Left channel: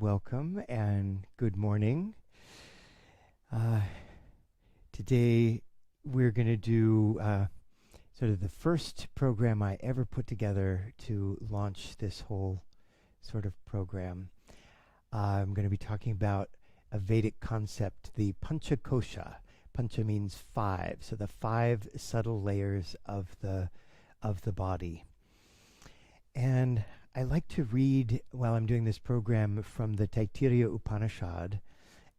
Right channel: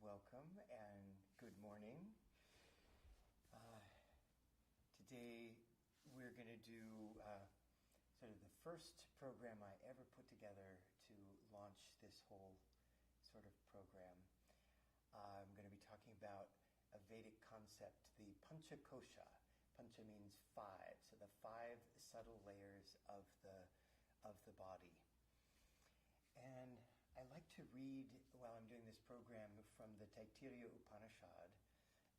welcome and good morning. Today we're going to do sort of the first program I ever put together to launch this whole sort of program. I'm going to be talking about a Vedic concept, the Panchakosha. Pancha means five, so the five subtle layers of the body. And I like to read, while I'm doing this program, from the Taittiriya Upanishad,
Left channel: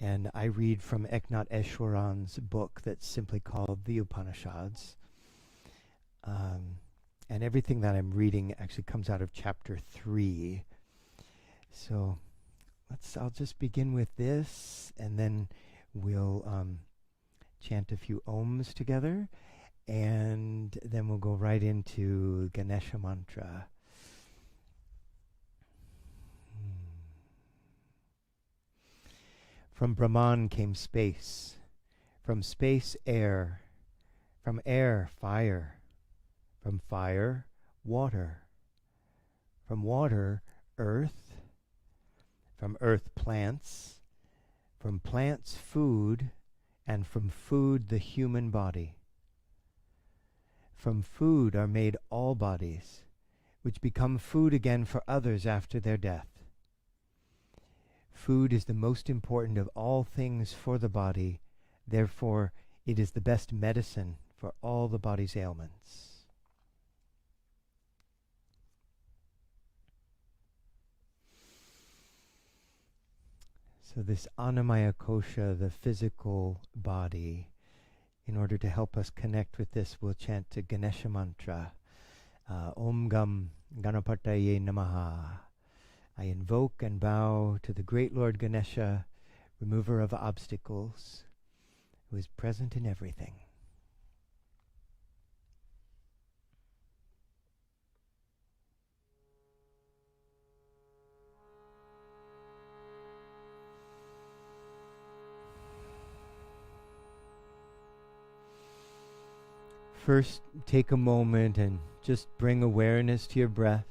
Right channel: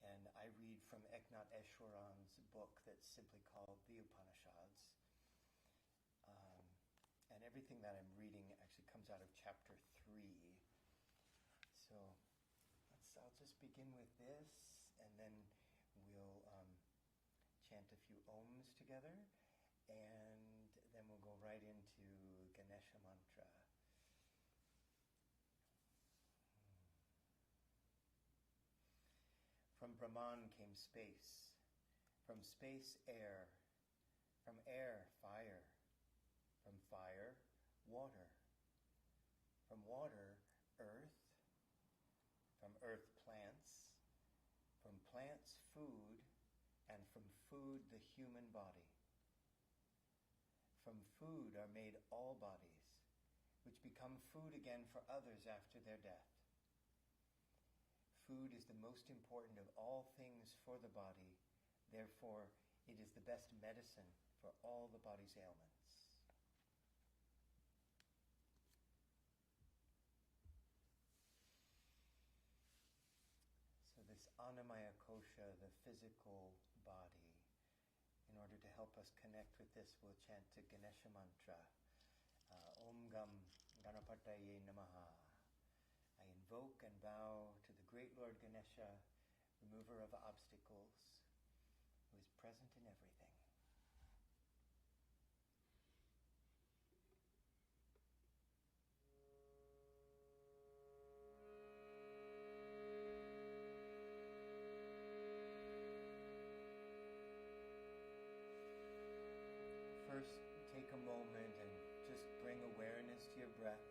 and I read from Eknath Easwaran's book that's simply called The Upanishads. And everything that I'm reading actually comes out of chapter 3. So I'll just begin with this, and then we'll chant a few Oms together, and then we'll go right into Ganesha mantra. From Brahman came space, from space air, from air fire, from fire water, from water earth, from earth plants, from plants food, and from food the human body. From food are made all bodies, which become food again for others after their death. Food is the most important of all things for the body, therefore it is the best medicine for all the body's ailments. So this Annamaya Kosha, the physical body, in order to help us connect with this, we'll chant the Ganesha mantra. Om Gam Ganapataye Namaha. I invoke and bow to the great Lord Ganesha, remover of obstacles, who is present in everything. First, take a moment and just bring awareness to your breath.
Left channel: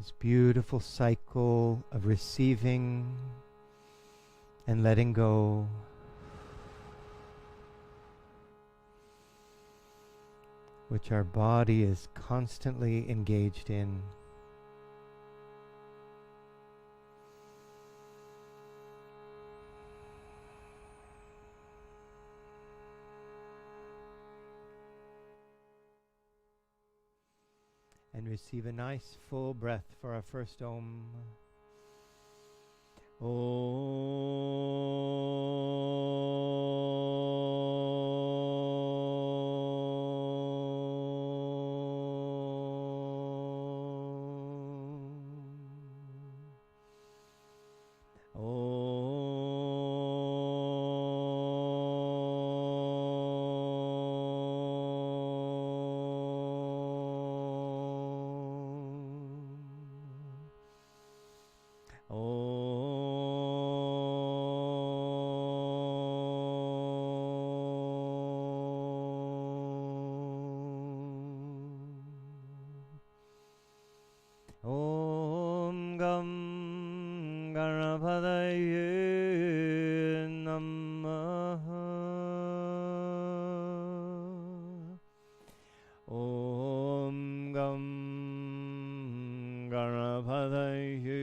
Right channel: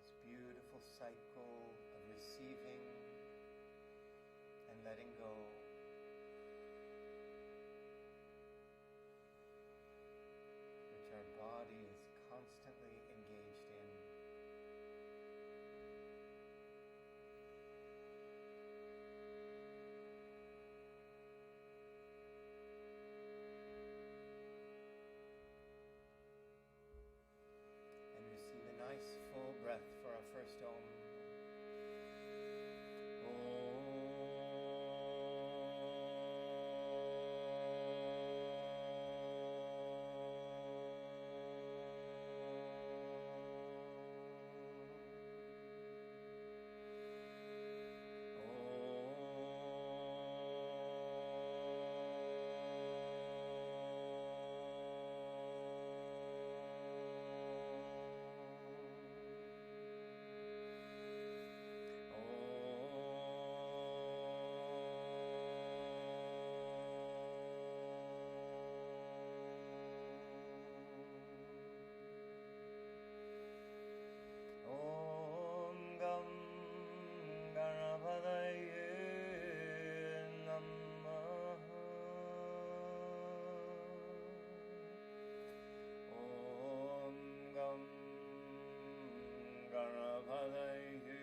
This beautiful cycle of receiving and letting go. Which our body is constantly engaged in. And receive a nice full breath for our first Om. Om Gam Ganapataye Namaha. Om Gam Ganapataye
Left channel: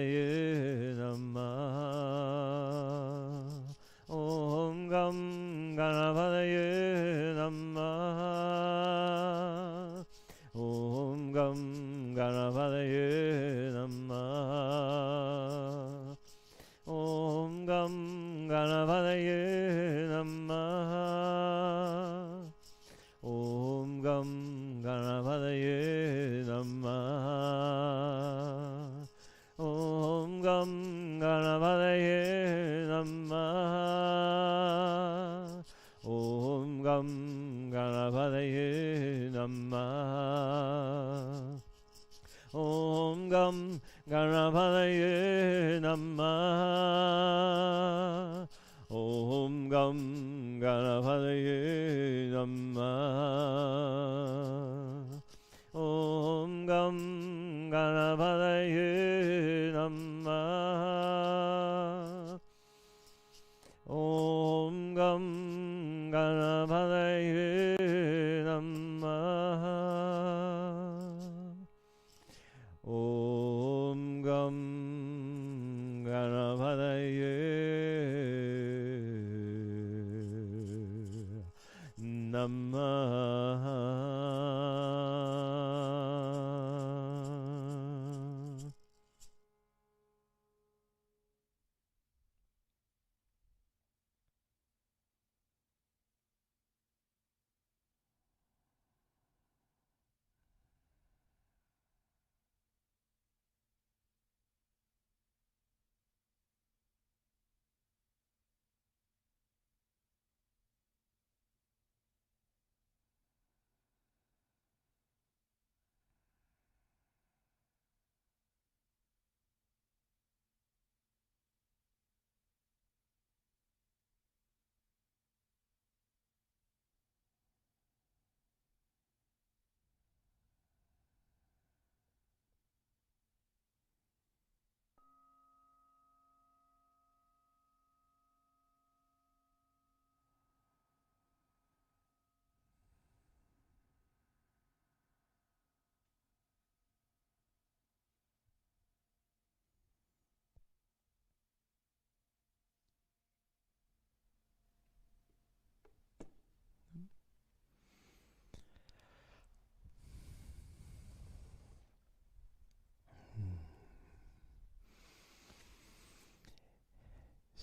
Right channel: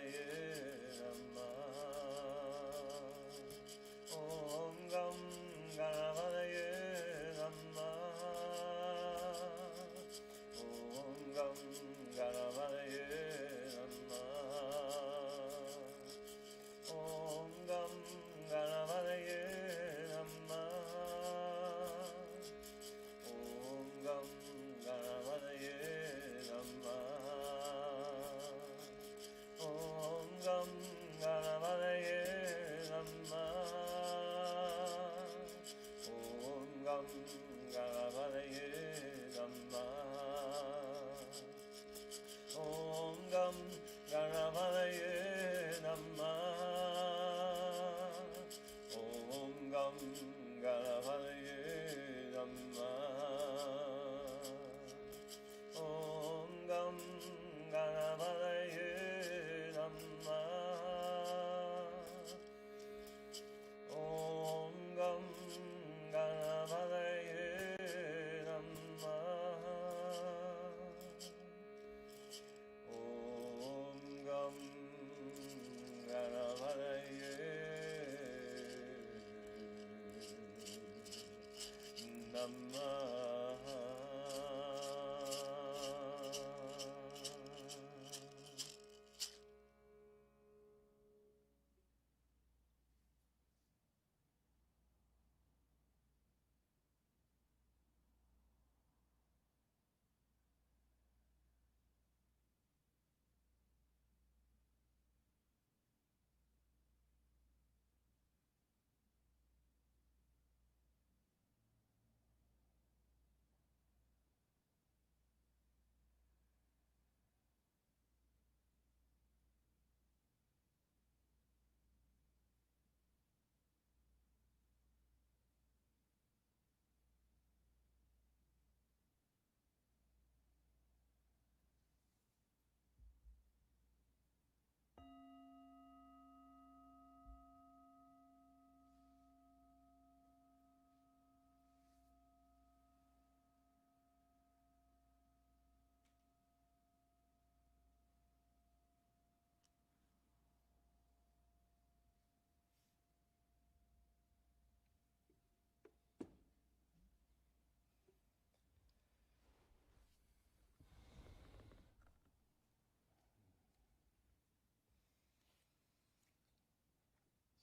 Ganapadaye Namah. Om Gam Ganapadaye Namah. Om Gam Ganapadaye Namah. Om Gam Ganapadaye Namah. Om Gam Ganapadaye Namah.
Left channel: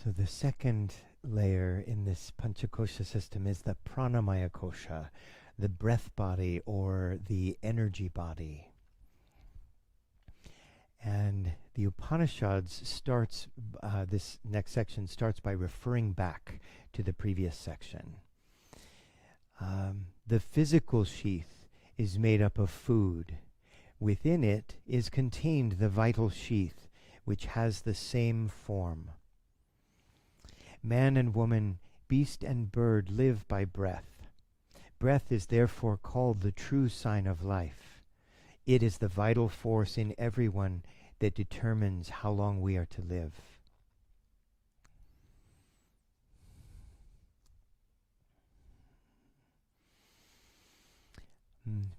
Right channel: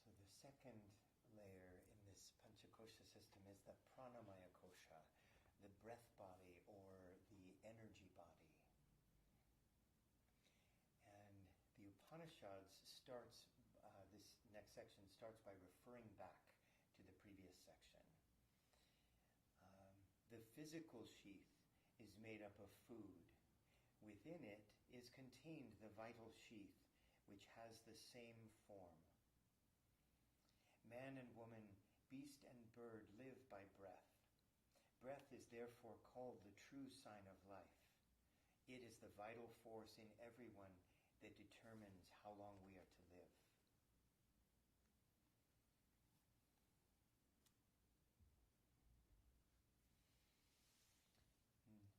So the second layer in this Panchakosha system is the Pranamaya Kosha, the breath body or the energy body. And the Upanishads starts, this next section starts by referring back to the previous section. The physical sheath is made up of food. Within it is contained the vital sheath, which has the same form. Man and woman, beast and bird live by breath. Breath is therefore called the true sign of life. It is the vital force in everyone that determines how long we are to live.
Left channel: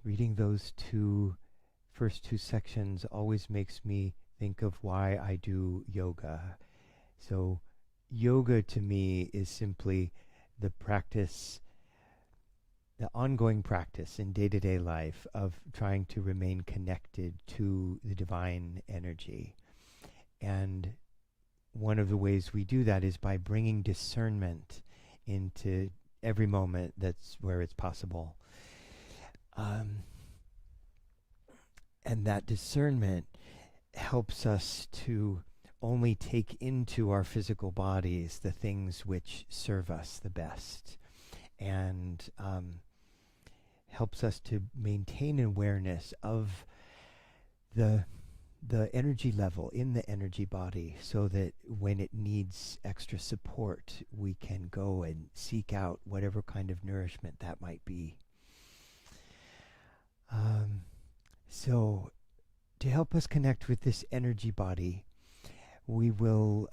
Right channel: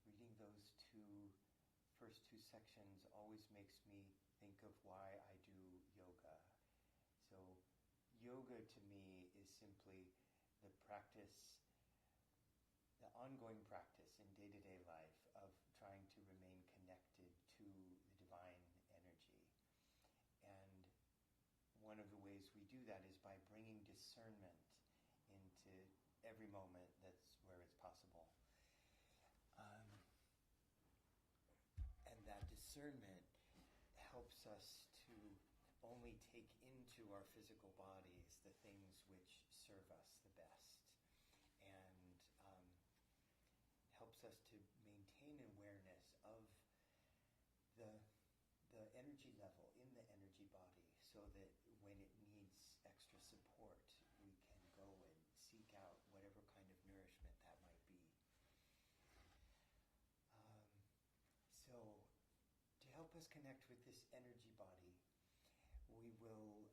Reading those first two sections always makes me think of why I do yoga. So yoga to me is simply the practice, the ongoing practice in day-to-day life of trying to remain connected to the divine energy. And one of the ways we do that is by bringing discernment into every moment that's where it's possible. And that discernment helps us to only take into our physical bodies the things which serve us the best, and helps us to maintain awareness of the energy level in the energy body, so that when it needs extra support, we can go and seek out whatever kind of nourishment that might be. So to help us connect with this energy body, we will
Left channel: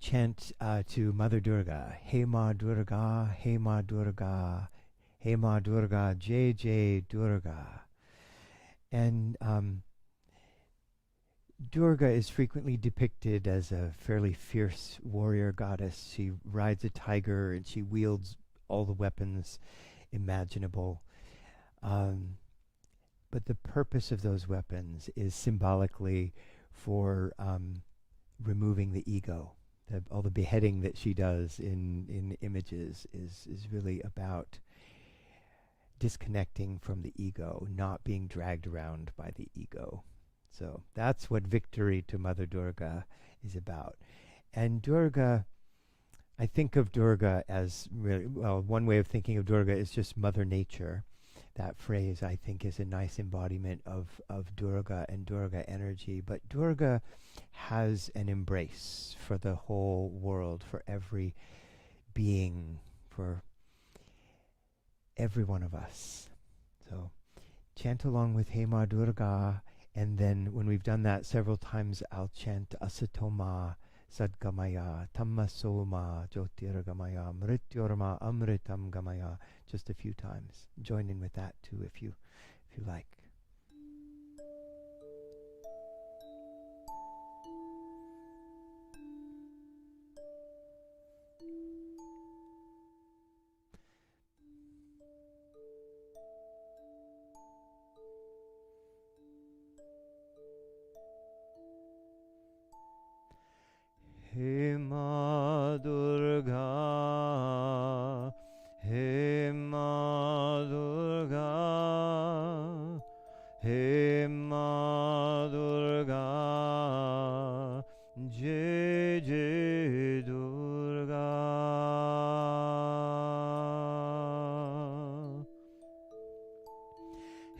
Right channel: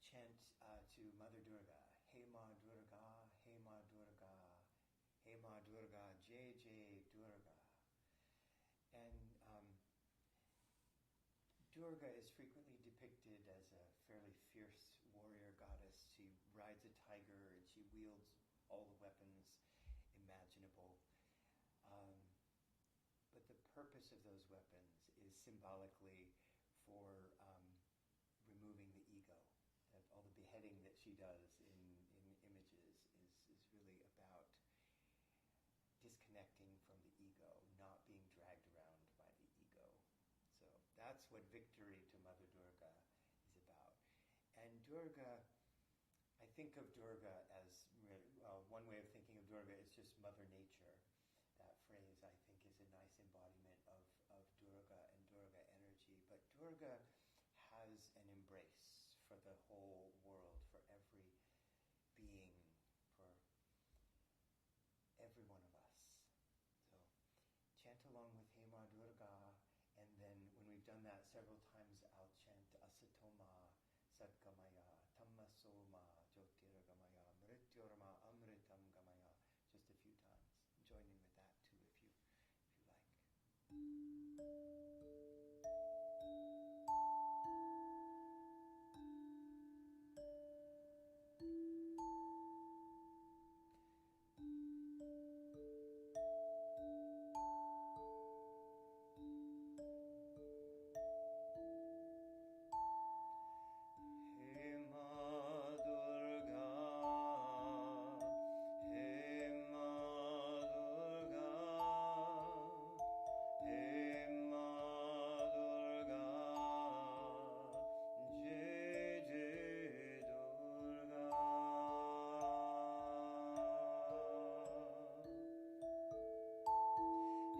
chant to Mother Durga. Hey Ma Durga, Hey Ma Durga, Hey Ma Durga, Jai Jai Durga. And Durga is frequently depicted as a fairly fierce warrior goddess. She rides a tiger and she wields all the weapons imaginable. But the purpose of those weapons is symbolically for removing the ego. All the beheading that she does in images is really about disconnecting from the ego, not being dragged around by the ego. So that's what victory to Mother Durga is about. And Durga, I think of Durga as really, well, one way of thinking of Durga is just Mother Nature. that phrase, I think, is a nice embodiment of Durga and Durga energy. But Durga has an embrace for the whole world, for every being, for every one of us. So chant along with He Ma Durga, and then when we've done that several times, I'll chant Asatoma Sadgamaya Tammasoma Jyotirgamaya Mrityorma Amritam Gamaya just a few times. Join in with that too if you like. He Ma Durga, He Ma Durga, He Ma Durga, Jai Jai Durga.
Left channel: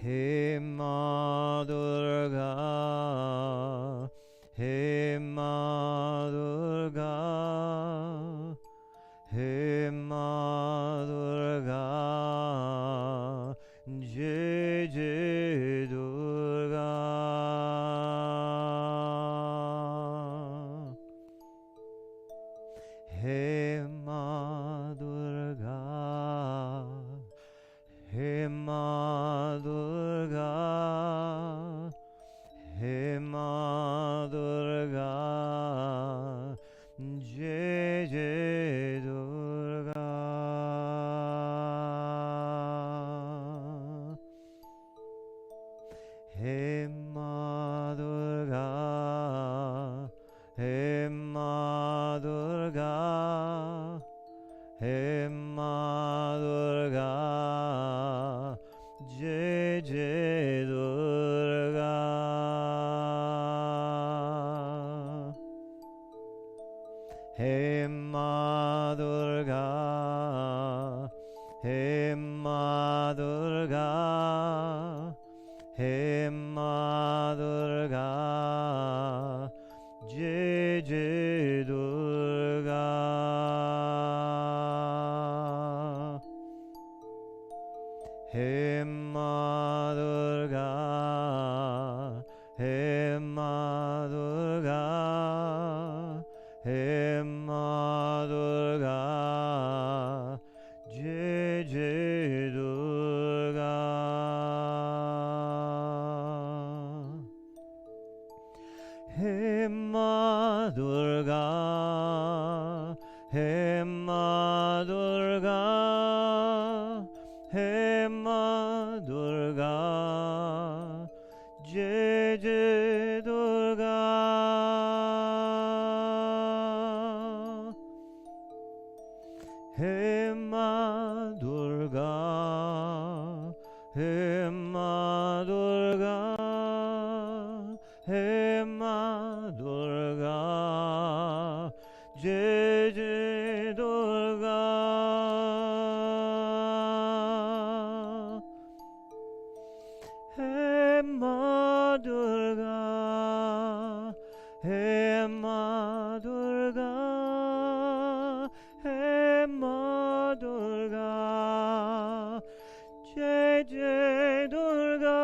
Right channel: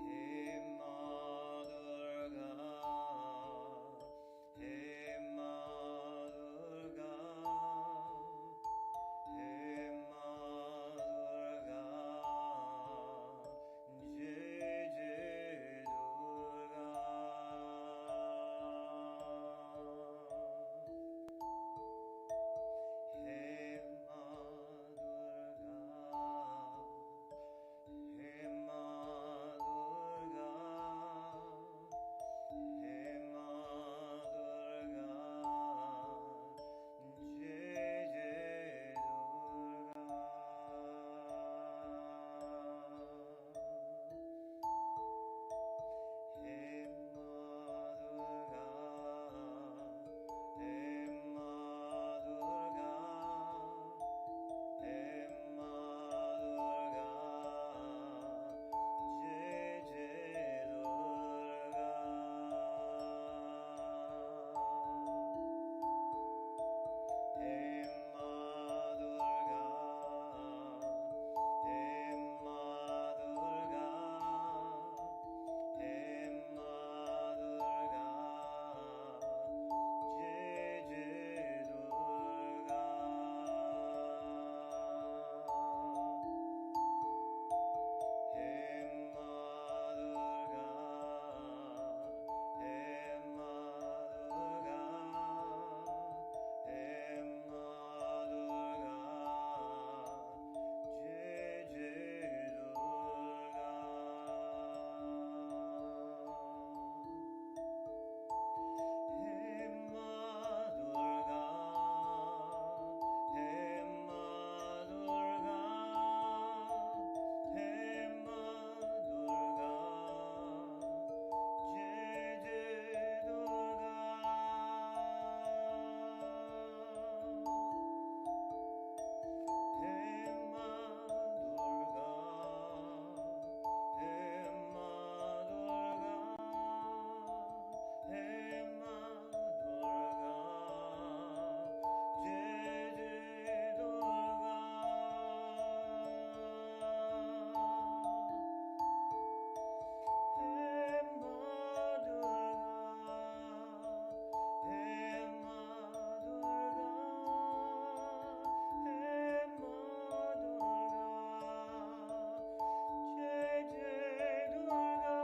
He Ma Durga, He Ma Durga, He Ma Durga, Jai Jai Durga. He Ma Durga, He Ma Durga, He Ma Durga, Jai Jai Durga. He Ma Durga, He Ma Durga, He Ma Durga, Jai Jai Durga. He Ma Durga, He Ma Durga, He Ma Durga, Jai Jai Durga. He Ma Durga, He Ma Durga, He Ma Durga, Jai Jai Durga. He Ma Durga, He Ma Durga, He Ma Durga, Jai Jai Durga. He Ma Durga, He Ma Durga, He Ma Durga, Jai Jai Durga. He Ma Durga, He Ma Durga, He Ma Durga, Jai Jai Durga.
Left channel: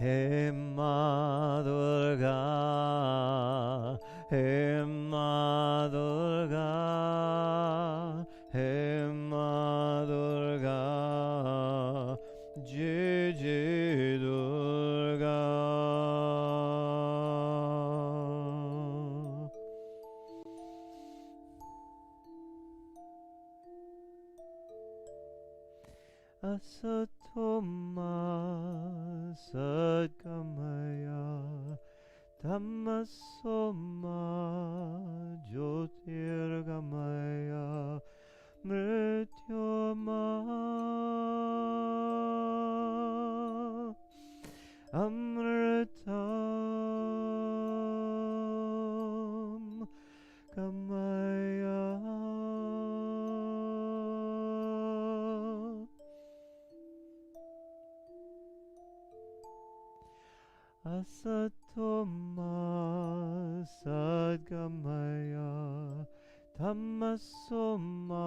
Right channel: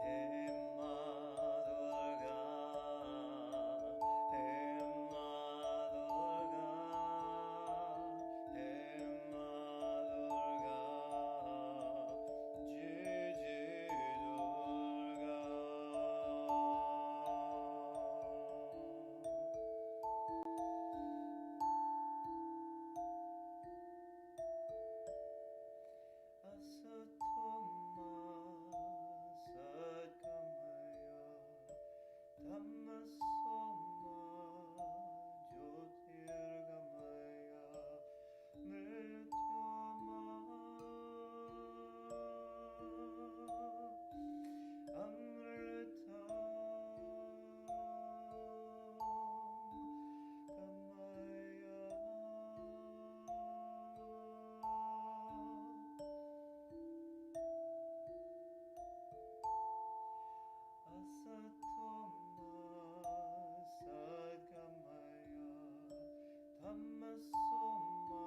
He Ma Durga, He Ma Durga, He Ma Durga, Jai Jai Durga. Asatoma Sadgamaya Tamasoma Jyotirgamaya Mrityoma Amritam Gamaya. Asatoma Sadgamaya Tamasoma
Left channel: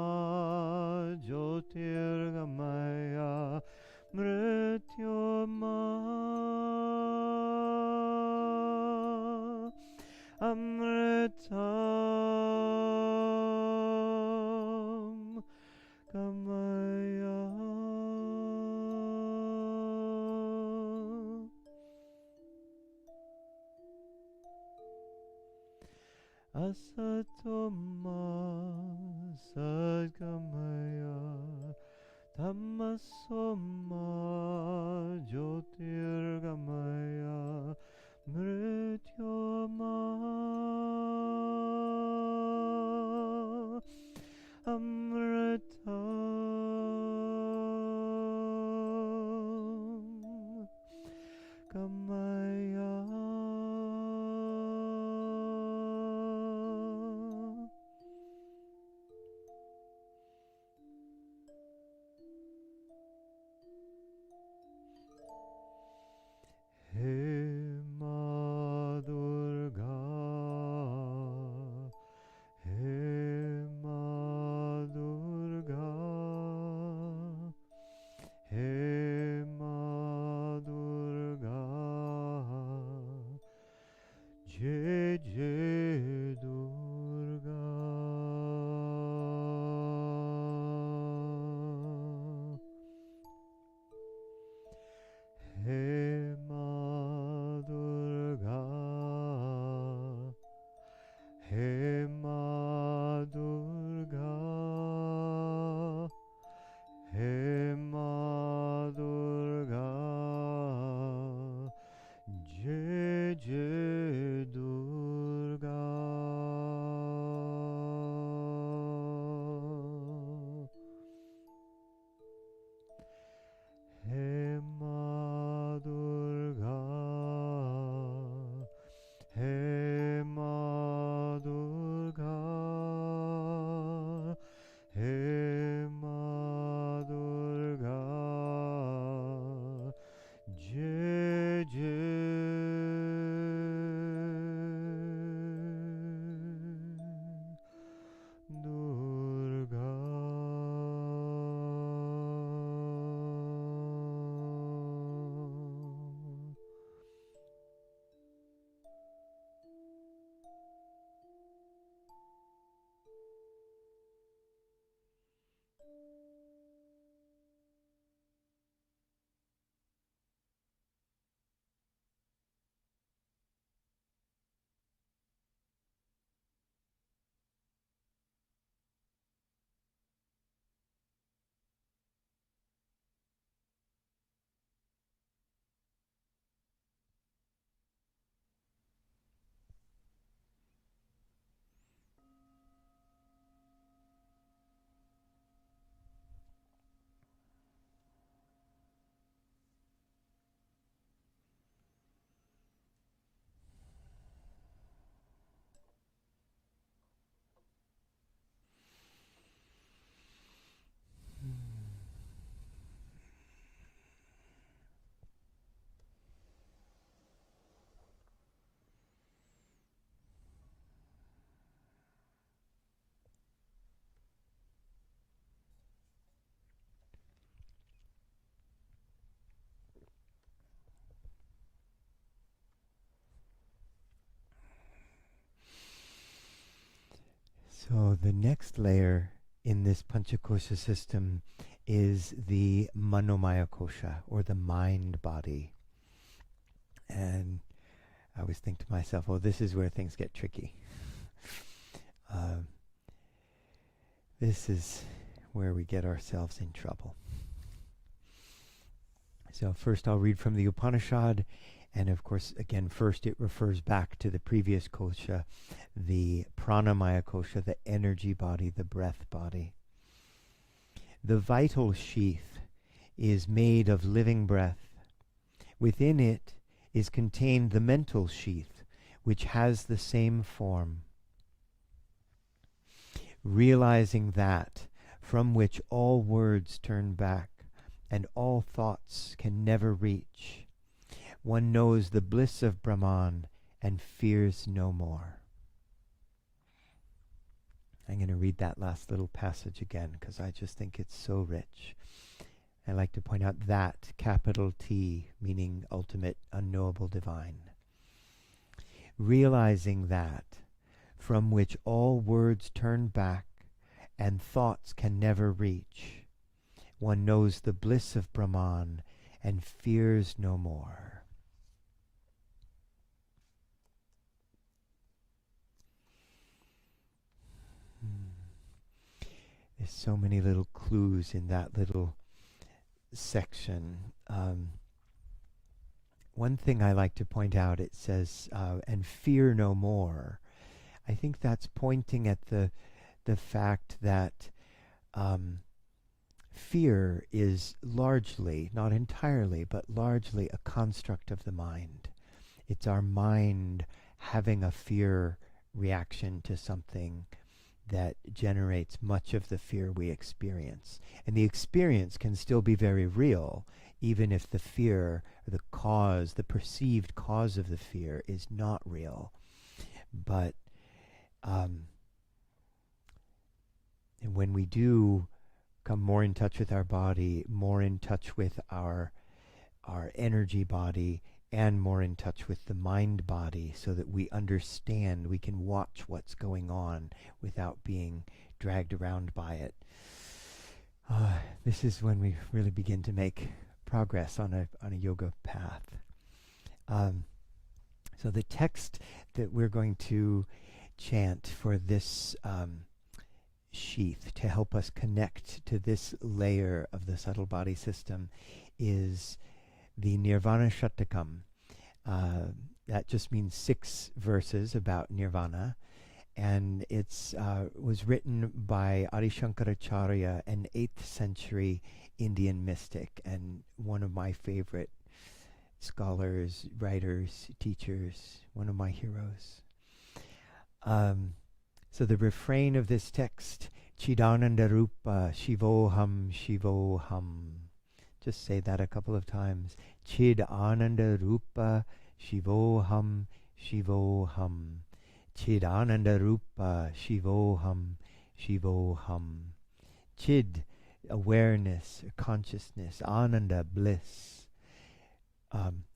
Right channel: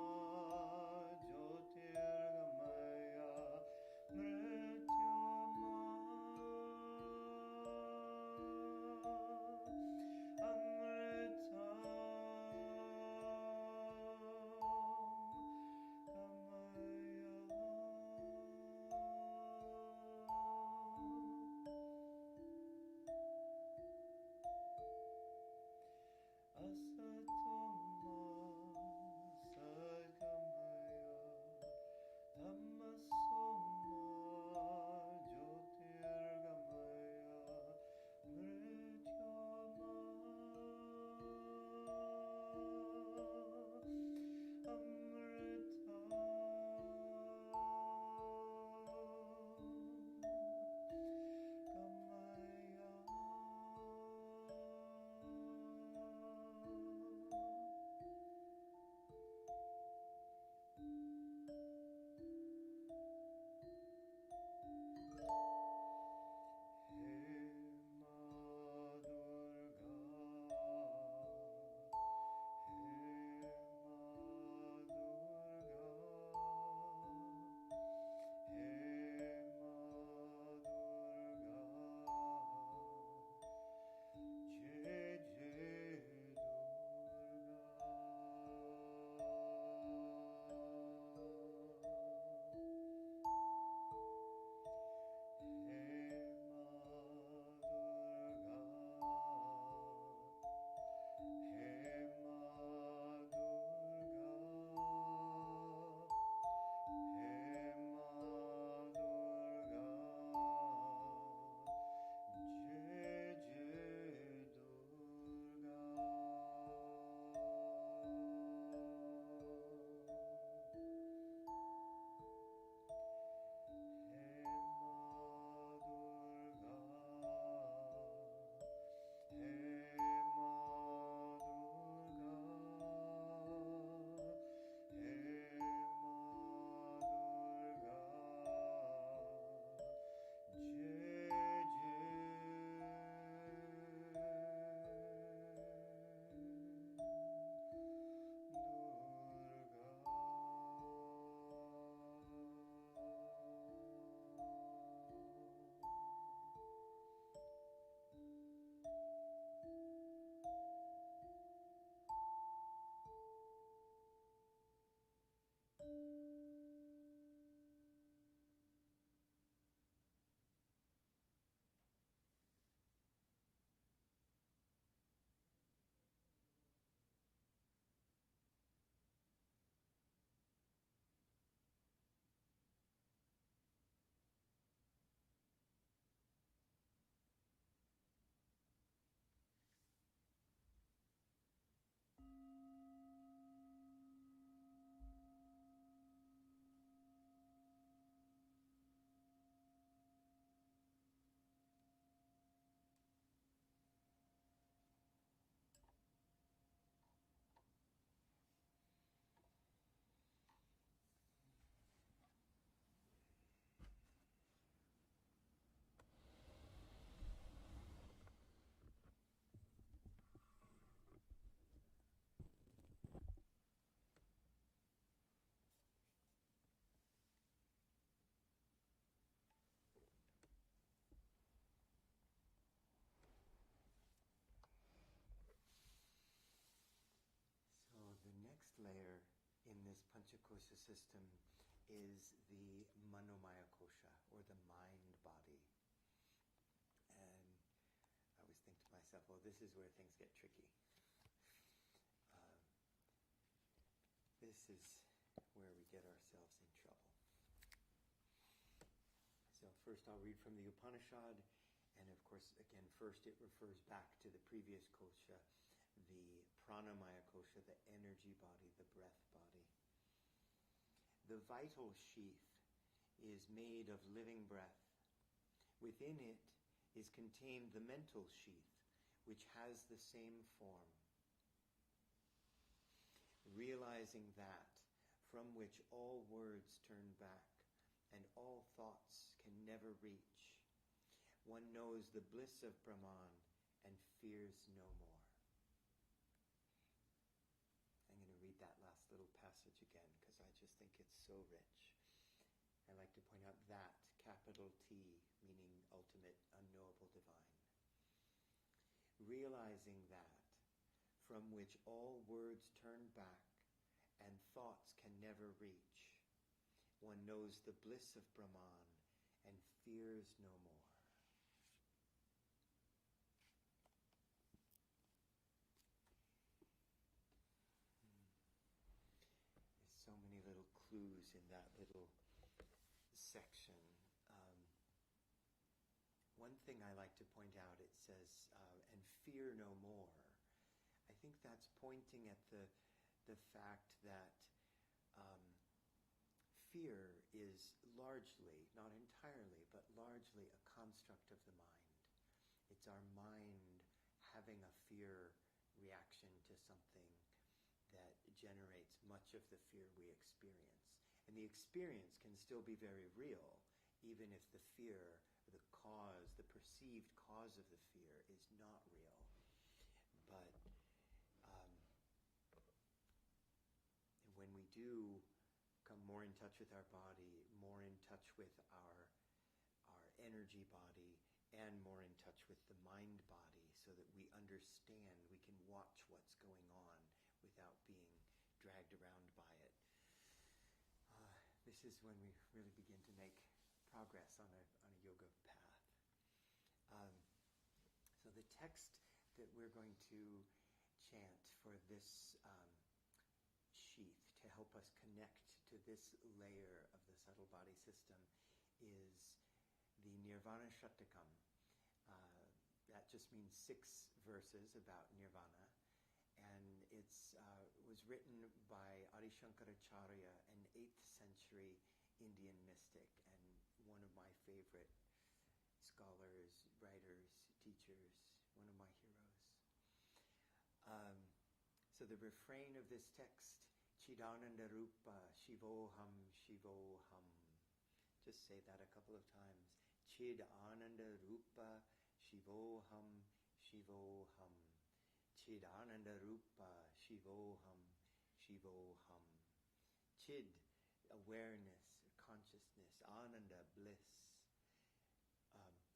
Jyotirgamaya Mrityoma Amritam Gamaya. Asatoma Sadgamaya Tamasoma Jyotirgamaya Mrityoma Amritam Gamaya. He Ma Durga, He Ma Durga, He Ma Durga, Jai Jai Durga. He Ma So the next layer in this Panchakosha system is the Manomaya Kosha, or the mind body. And I always think to myself, oh, this is where things get tricky. This is where we get ourselves in trouble. So first I'll read from the Upanishad, and of course, again, first it refers back to the previous kosha, the pranamaya kosha, the energy body, the breath body. The vital sheath is made of living breath. Within it is contained the mental sheath, which has the same form. Realizing that from which all words turn back and all thoughts can never reach, one knows the bliss of Brahman and fears no more. I'm going to read that last little passage again because I just think it's so rich. I like to point out that, capital T, meaning ultimate, unknowable, divine. Realizing that from which all words turn back and thoughts can never reach, one knows the bliss of Brahman and fears no more. There's so many little clues in that little section. One thing I like to point out, it says, and fear no more. I think that's pointing at the fact that fear is largely, not entirely, but largely a construct of the mind. It's our mind having a fear reaction to something that generates much of the fear we experience. And the experience can still be very real, even if the fear, the cause, the perceived cause of the fear is not real. But and when we do come more in touch with our body, more in touch with our energy body, and more in touch with the mind body, so that we understand, we can watch what's going on without being dragged around by it. This is when we really begin to make progress on a yoga path. So the text that we're going to chant for this sheath to help us connect to this layer of the subtle body system is the Nirvana Shatakam. That just means 6 verses about nirvana, and it's was written by Adi Shankaracharya, an 8th century Indian mystic, and one of my favorite scholars, writers, teachers, one of my heroes. So the refrain of this text, Chidananda Rupa Shivoham Shivoham. Just say that a couple of times. Chid Ananda Rupa Shivoham Shivoham. Chid Ananda Rupa Shivoham Shivoham. Chid, awareness, consciousness. Ananda, bliss.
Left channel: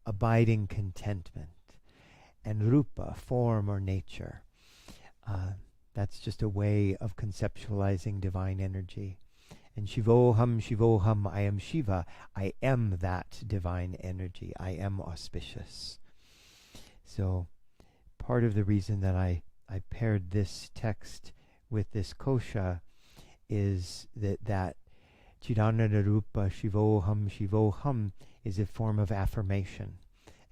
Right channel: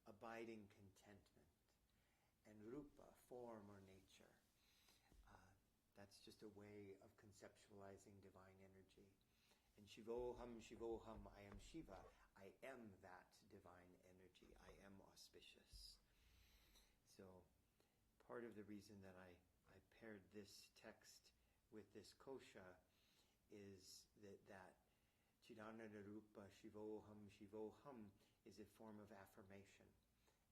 Abiding contentment. And Rupa, form or nature. That's just a way of conceptualizing divine energy. And Shivoham, Shivoham, I am Shiva. I am that divine energy. I am auspicious. So part of the reason that I paired this text with this kosha is that Chidananda Rupa Shivoham, Shivoham is a form of affirmation.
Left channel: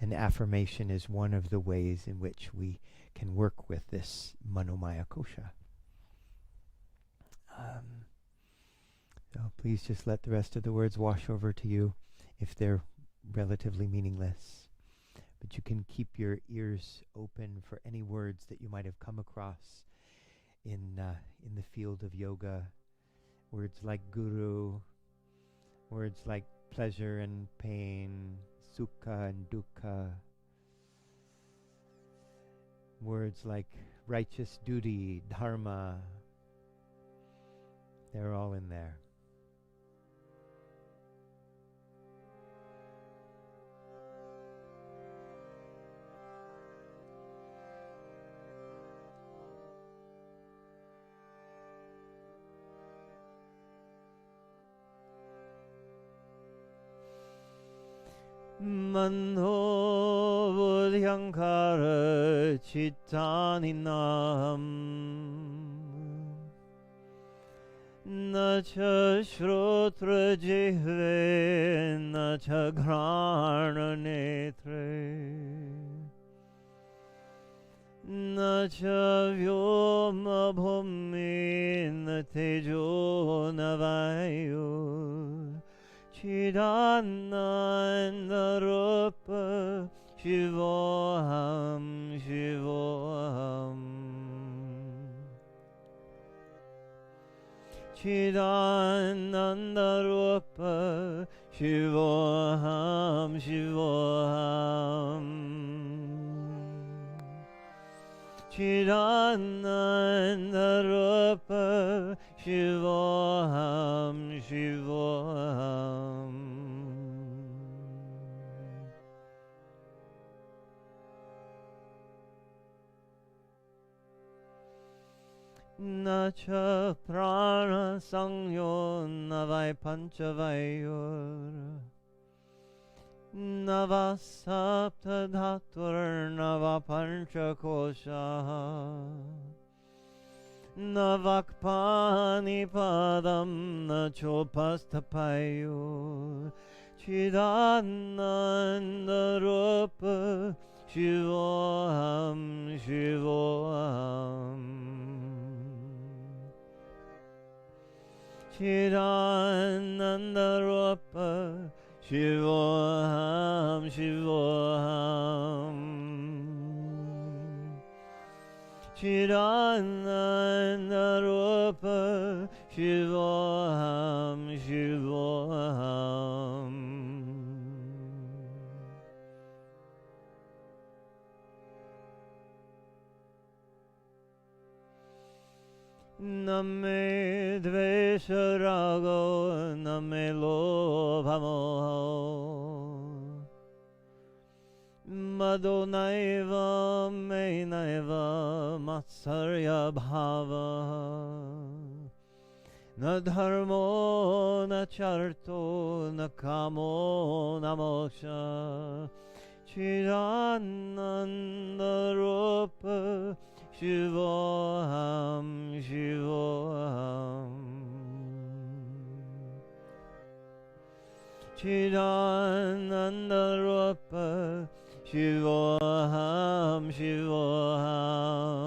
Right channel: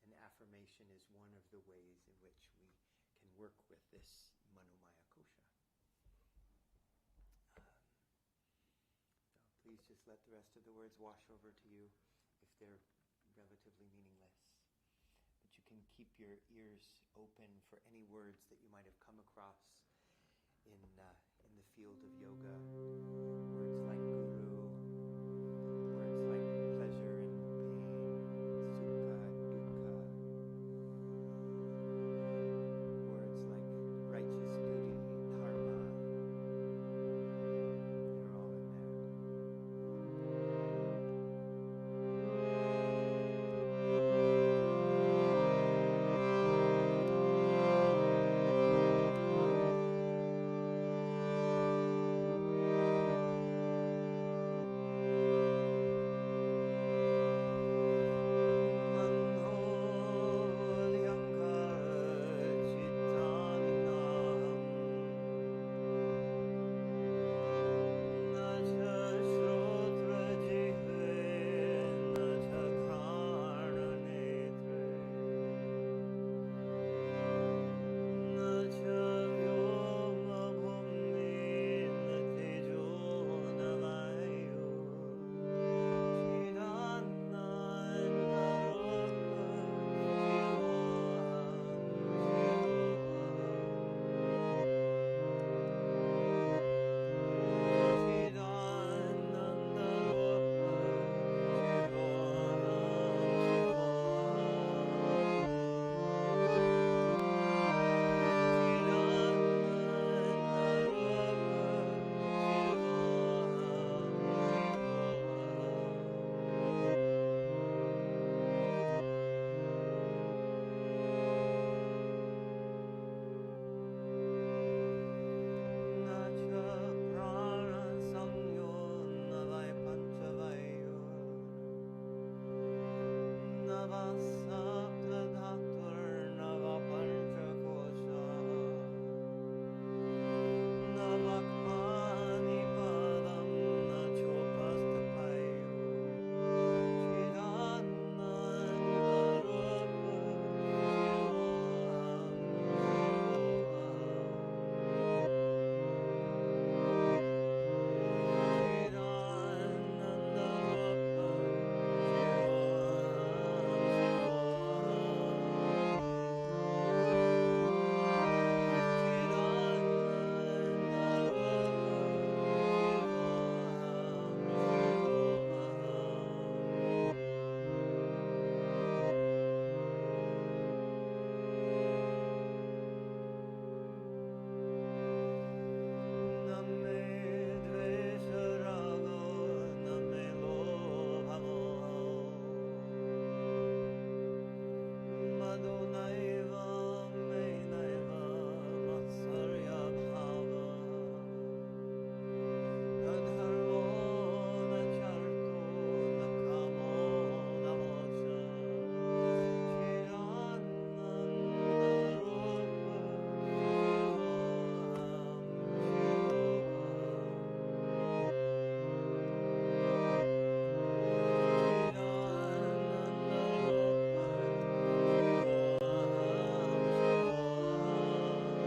And affirmation is one of the ways in which we can work with this Manomaya kosha. So please just let the rest of the words wash over to you if they're relatively meaningless. But you can keep your ears open for any words that you might have come across in the field of yoga. Words like guru, words like pleasure and pain, sukha and dukkha. Words like righteous duty, dharma, they're all in there. Manho Bodhyankara Chittaninam Nacha Shrotra Jihve Nacha Ghrana Netre Nacha Vyoma Bhumi Natejo Navayu Chidananda Rupa Shivoham Shivoham Chidananda Rupa Shivoham Shivoham Chidananda Rupa Shivoham Shivoham Nacha Prana Sangyo Navai Panchavayor Nava Sapta Dhatur Nava Panchakosha Navakpani Padam Nachopastapayo Chidananda Rupa Shivoham Shivoham Chidananda Rupa Shivoham Shivoham Chidananda Rupa Shivoham Shivoham Name Dvesha Rago Name Lobha Moho Madonaiva Mainaiva Matsarya Bhava Na Dharmo Na Charto Na Kamo Na Moksha Chidananda Rupa Shivoham Shivoham Chidananda Rupa Shivoham Shivoham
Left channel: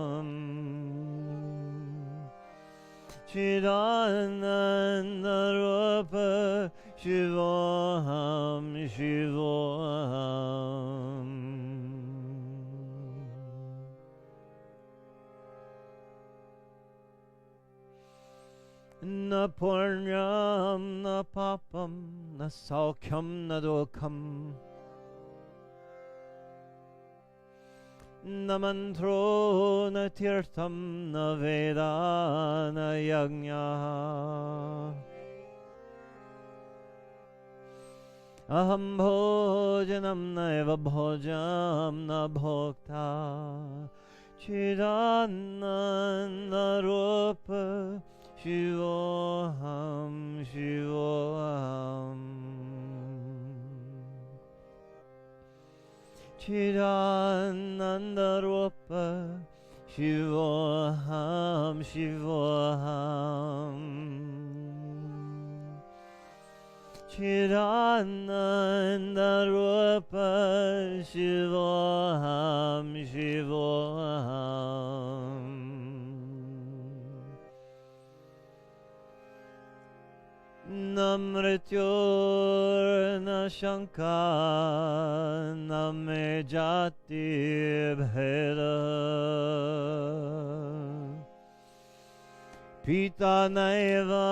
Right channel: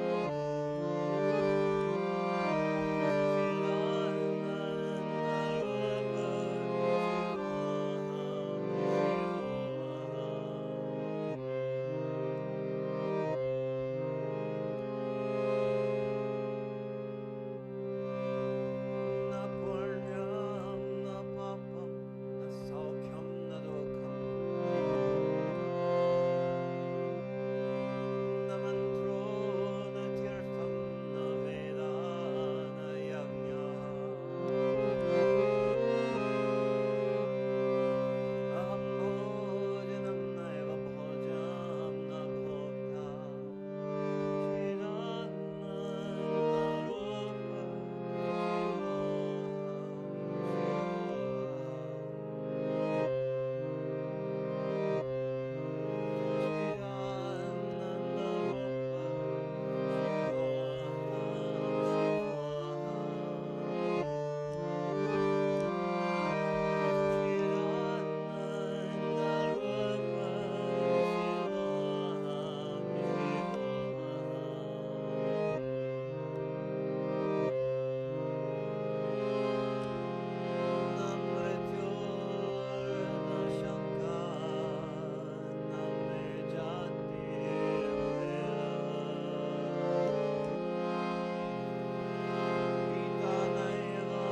Chidananda Rupa Shivoham Shivoham Na Purnyam Na Papam Na Saukyam Na Dukham Na Mantro Na Tirtham Na Veda Na Yajna Aham Bhojanam Naiva Bhojam Na Bhokta Chidananda Rupa Shivoham Shivoham Chidananda Rupa Shivoham Shivoham Chidananda Rupa Shivoham Shivoham Namrityor Na Shanka Name Jati Bheda Pita Naiva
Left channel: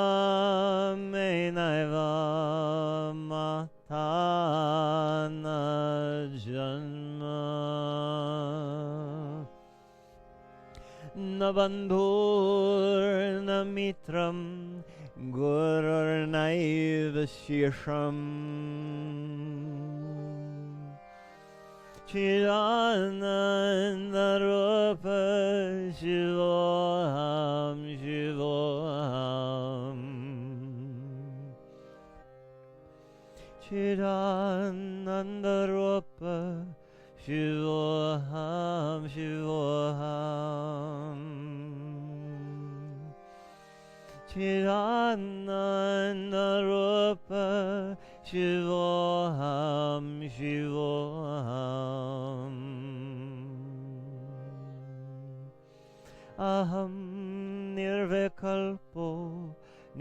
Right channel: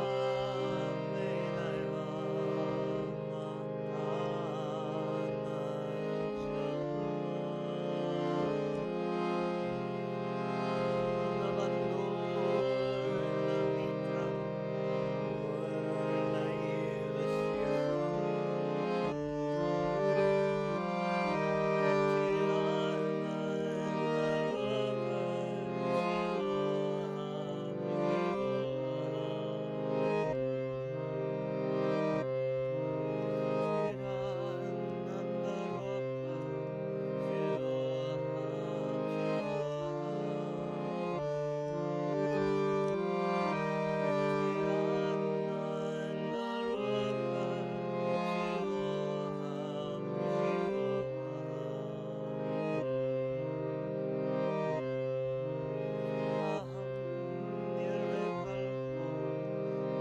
Me Naiva Mata Na Janma Na Bandhur Na Mitram Gurur Naiva Shisham Chidananda Rupa Shivoham Shivoham Chidananda Nandaropa Shivoham Shivoham Chidanandaropa Shivoham Shivoham Aham Nirvikalpo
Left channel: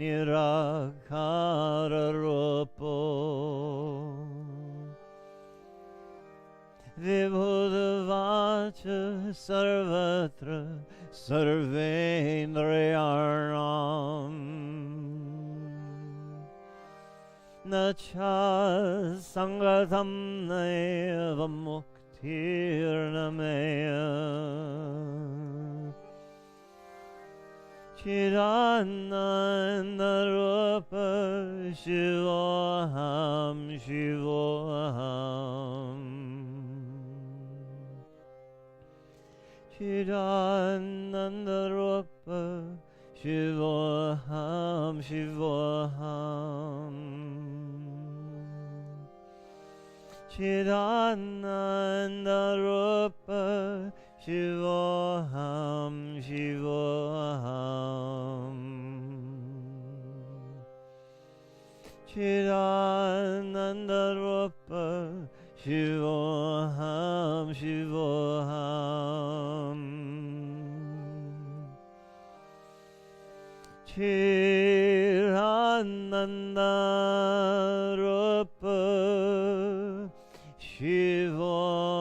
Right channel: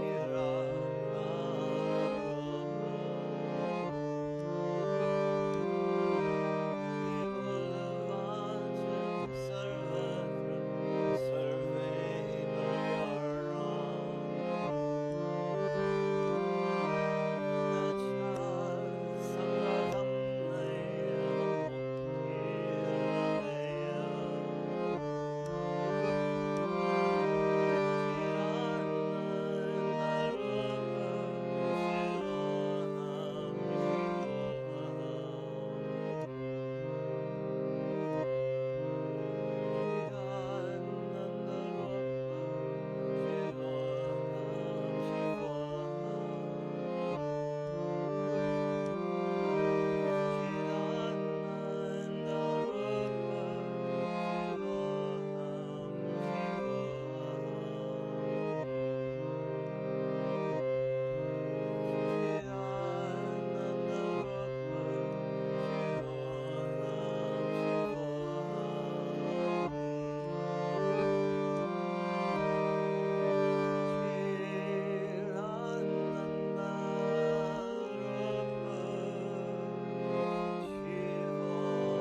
Nirakararopo Vibhudavacha Sarvatra Sarvendriyarnam Nacha Sangatam Naiva Muktirnameya Chidanandaropa Shivoham Shivoham Chidanandaropa Shivoham Shivoham Chidanandaropa Shivoham Shivoham Chidanandaropa Shivoham Shivoham Chidanandaropa Shivoham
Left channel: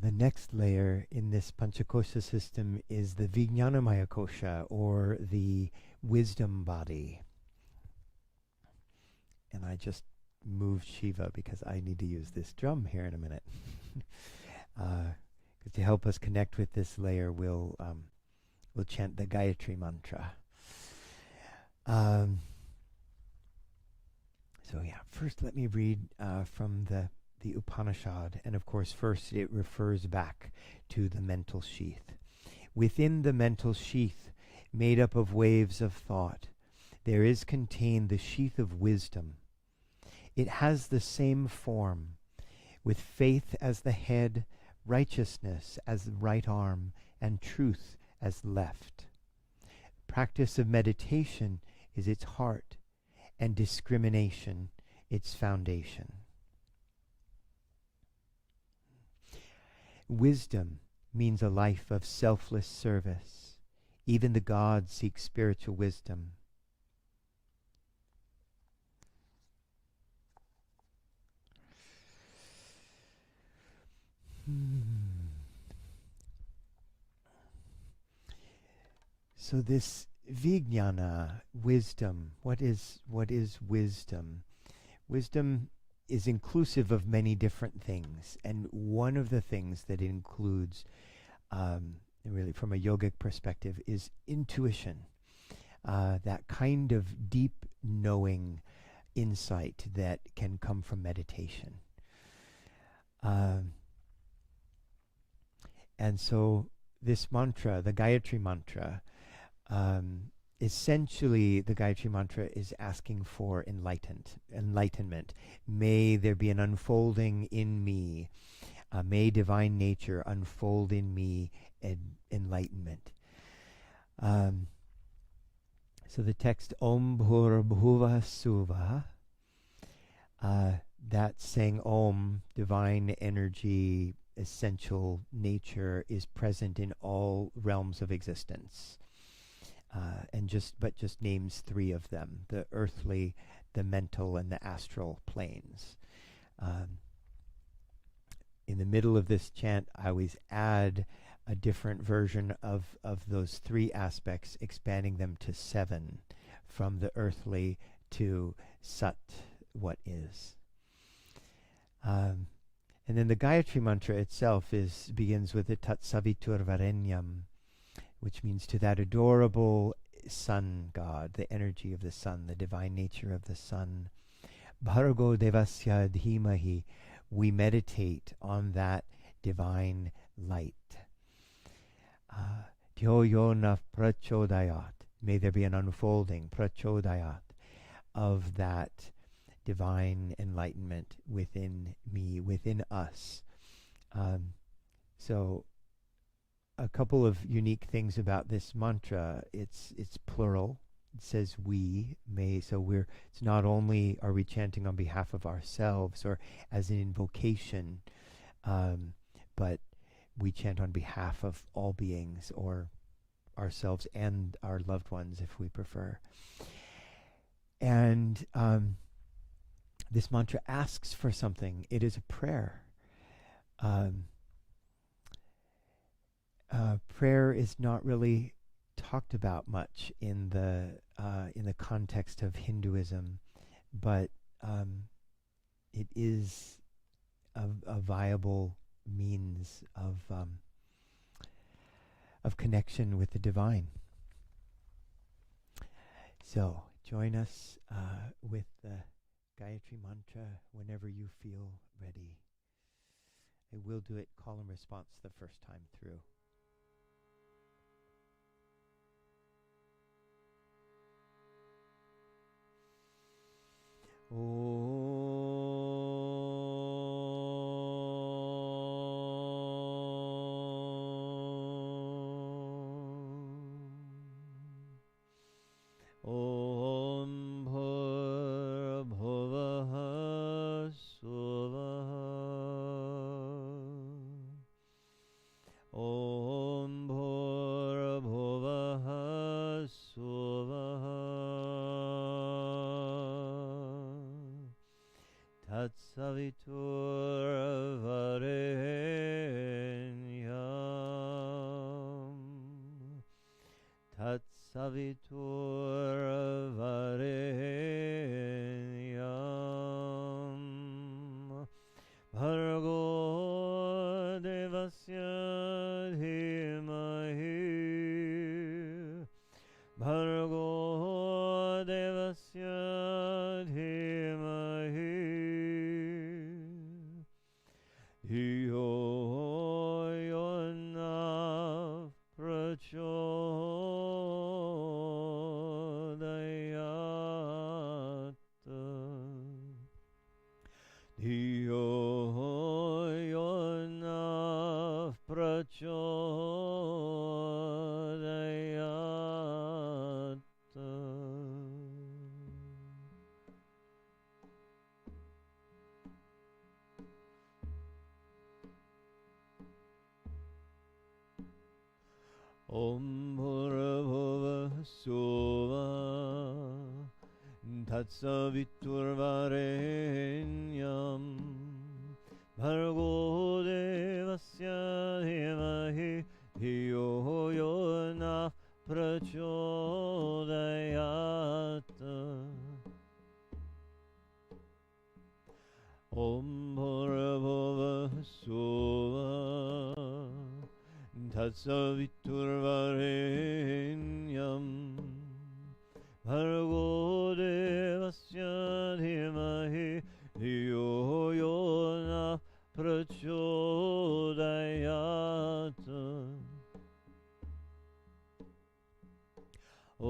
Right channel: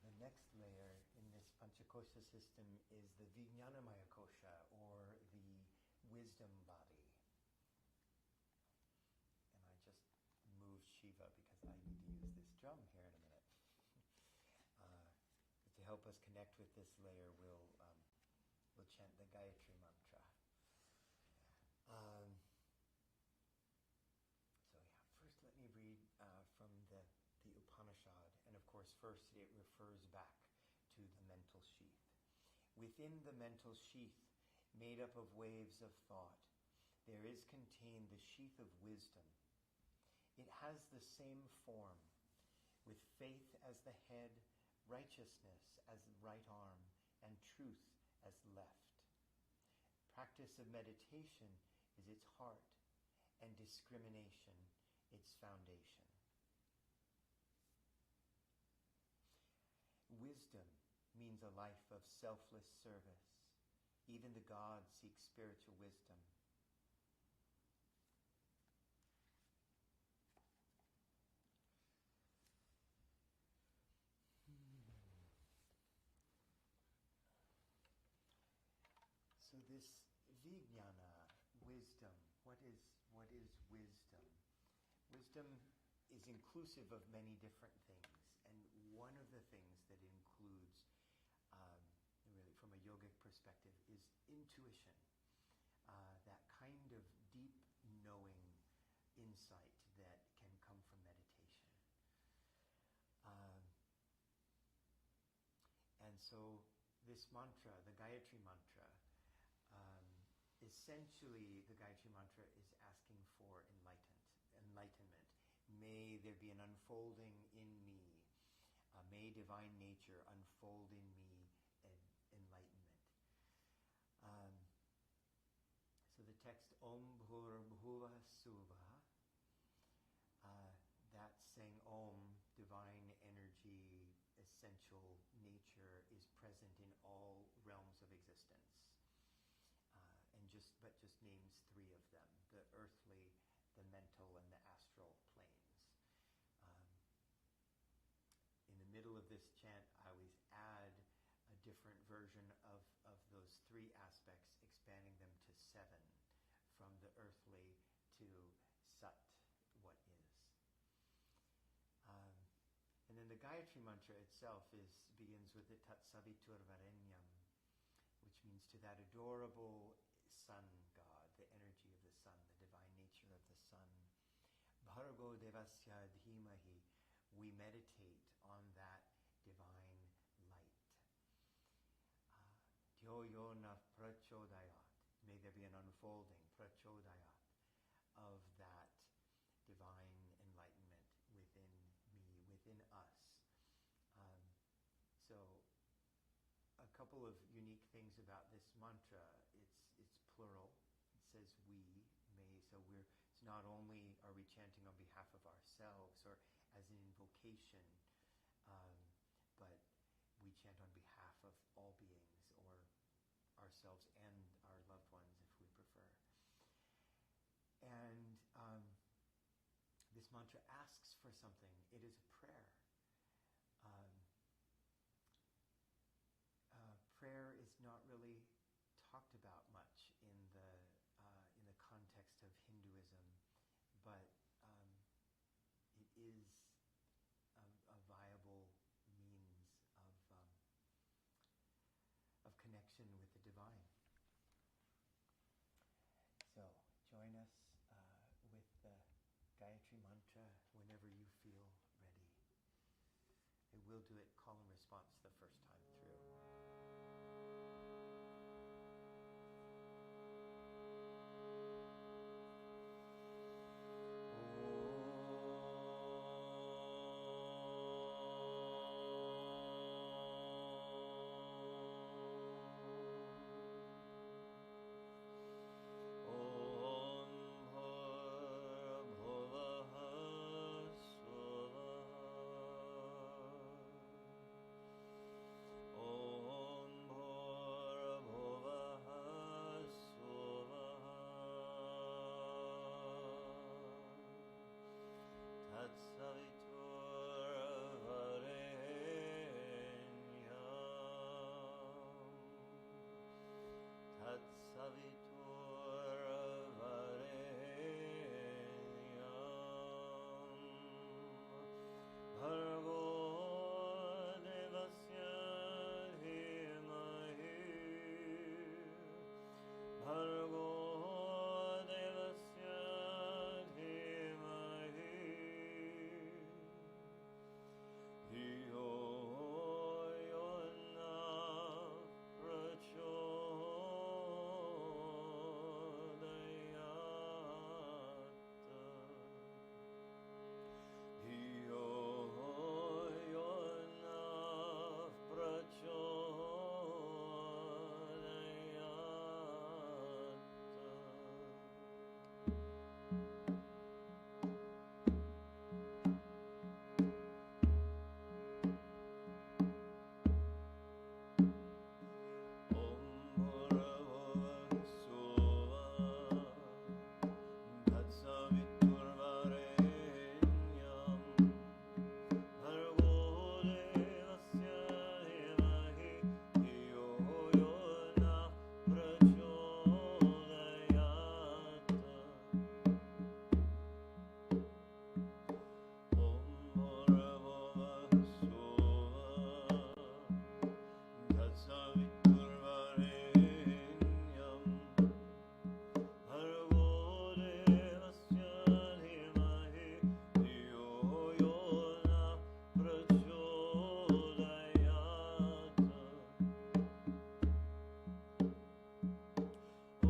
The next layer in this Panchakosha system is the Vijnanamaya Kosha, or the wisdom body. And I just moved Shiva because I need to use this drum here in a minute. To help us connect with this layer, we'll chant the Gayatri mantra. So yeah, first let me read from the Upanishad, and of course first it refers back to the mental sheath. Within the mental sheath, made up of waves of thought, there is contained the sheath of wisdom. It has the same form, with faith as the head, righteousness as the right arm, and truth as left. Practice of meditation is its heart, and discrimination its foundation. Wisdom means a life of selfless service. Even the gods seek spiritual wisdom. So this vijnana, wisdom, what is wisdom? Wisdom is inclusive of many different things, and one of the things that it includes really from a yogic perspective, is intuition, that kind of deep knowing insight that can come from meditation. And so this mantra, the Gayatri mantra, essentially the Gayatri mantra is asking for enlightenment. May there be an unfolding in me. May divine nature unfold in me enlightenment. So the text Om Bhur Bhuva Suva, that's saying Om, divine energy, essential nature, is present in all realms of existence. But just names three of them: the earthly, the mental, and the astral planes. In the middle of this chant, I always add a different version of those three aspects, expanding them to 7, from the earthly to Sat, what is. And then the Gayatri mantra itself begins with the Tat Savitur Varenyam, which means to that adorable sun god, the energy of the sun, the divine nature of the sun. Bhargo Devasya Dhimahi, we meditate on that divine light. Dhyoyona Prachodayat, may there be an unfolding, Prachodayat, of that divine enlightenment within me, within us. So a couple of unique things about this mantra: it's plural. It says we may, so it's not only are we chanting on behalf of ourselves or as an invocation, but we chant on behalf of all beings, or ourselves and our loved ones if we prefer. And this mantra asks for something. It is a prayer. Prayer is not really talked about much in the context of Hinduism, but it is a viable means of connection with the divine. So join us with the Gayatri mantra whenever you feel ready. I will do it call and response the first time through. Savitur Varenyam, Tat Savitur Varenyam, Bhargo Devasya Dhimahi, Bhargo Devasya Dhimahi, Dhyoyona Prachodayat, Dhyoyona Prachodayat. Om Bhurabhuva Suva Tatsavitur Varenyam, Bhargo Devasya Dhimahi, Dhiyo Yona Prachodayat. Om Bhurabhuva Suva तत्सवितुर्वरेण्यं भर्गो देवस्य धीमहि धियो यो न प्रचोदयात्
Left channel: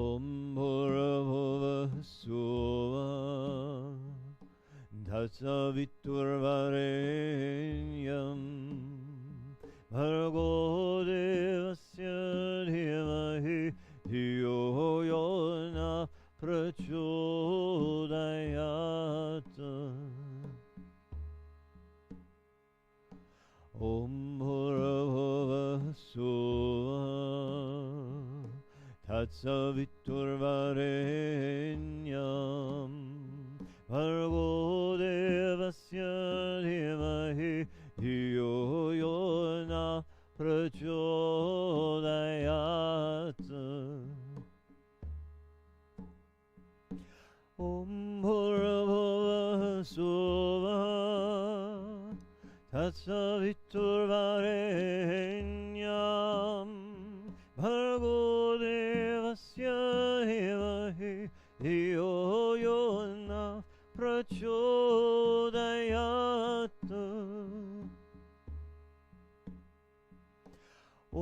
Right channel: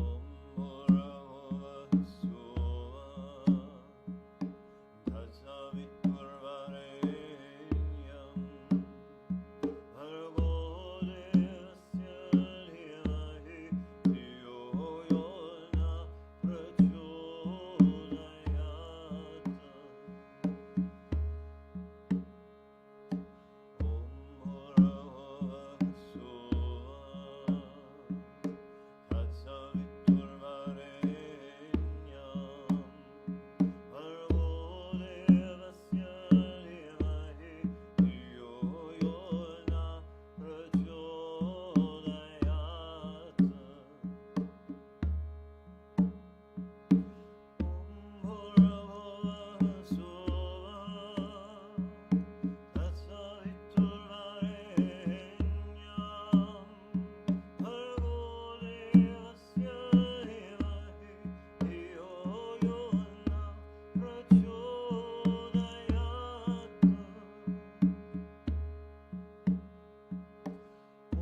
ॐ भूर्भुवः स्वः तत्सवितुर्वरेण्यं भर्गो देवस्य धीमहि धियो यो न प्रचोदयात् ॐ भूर्भुवः स्वः तत्सवितुर्वरेण्यं भर्गो देवस्य धीमहि धियो यो न प्रचोदयात् ॐ भूर्भुवः स्वः तत्सवितुर्वरेण्यं भर्गो देवस्य धीमहि धियो यो न प्रचोदयात्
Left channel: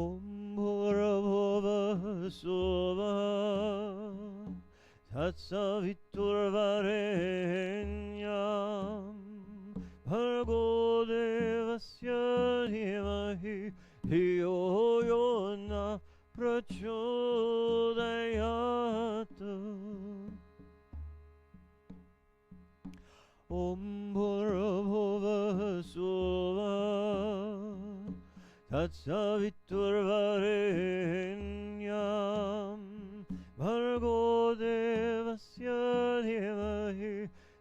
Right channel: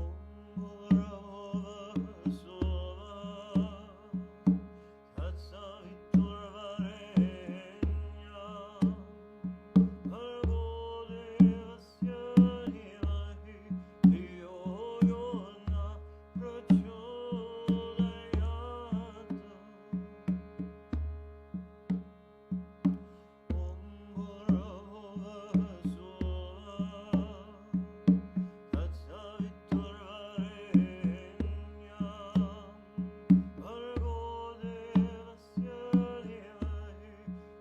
ॐ भूर्भुवः स्वः तत्सवितुर्वरेण्यं भर्गो देवस्य धीमहि धियो यो न प्रचोदयात् ॐ भूर्भुवः स्वः तत्सवितुर्वरेण्यं भर्गो देवस्य धीमहि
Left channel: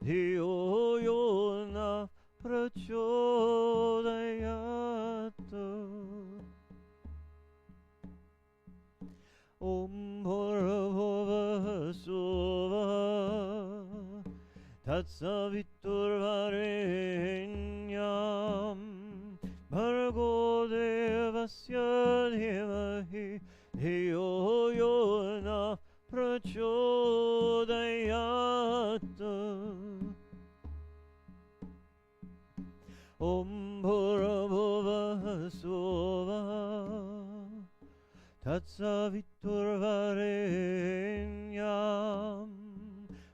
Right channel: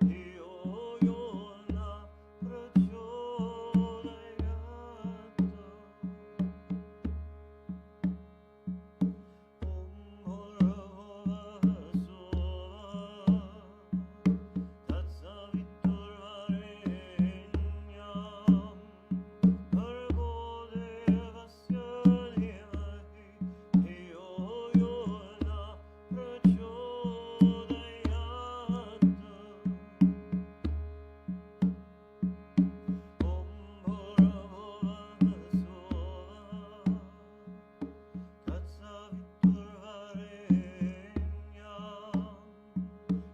धियो यो न प्रचोदयात् ॐ भूर्भुवः स्वः तत्सवितुर्वरेण्यं भर्गो देवस्य धीमहि धियो यो न प्रचोदयात् ॐ भूर्भुवः स्वः तत्सवितुर्वरेण्यं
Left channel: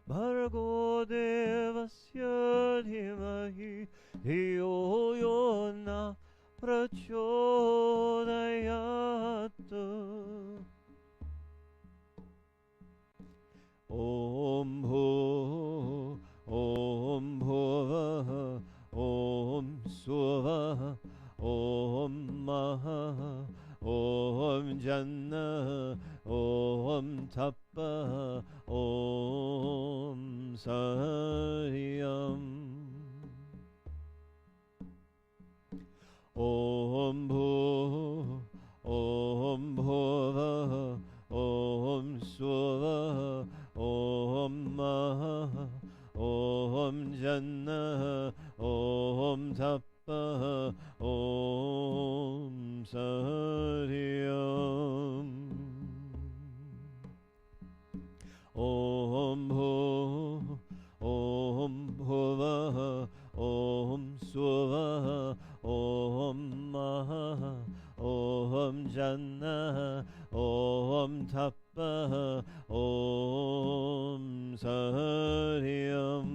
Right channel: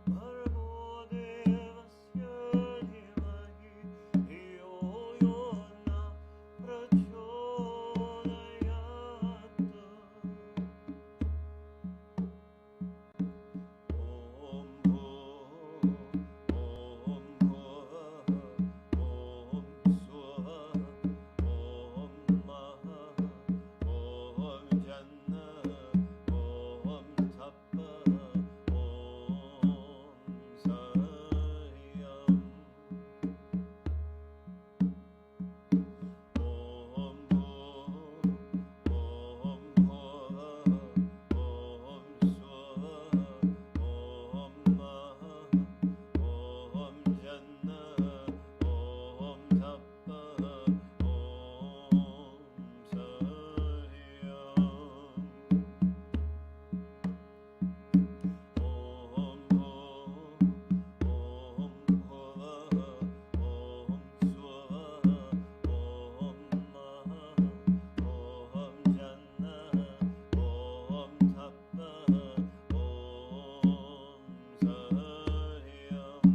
भर्गो देवस्य धीमहि धियो यो न प्रचोदयात् ॐ भुवः ॐ स्वः ॐ महः ॐ जन्नः ॐ तपः ॐ सह्यम् ॐ भुवः ॐ स्वः ॐ महः ॐ जन्नः ॐ तपः ॐ सह्यम् ॐ भुवः ॐ स्वः ॐ महः ॐ जन्नः ॐ तपः ॐ सह्यम्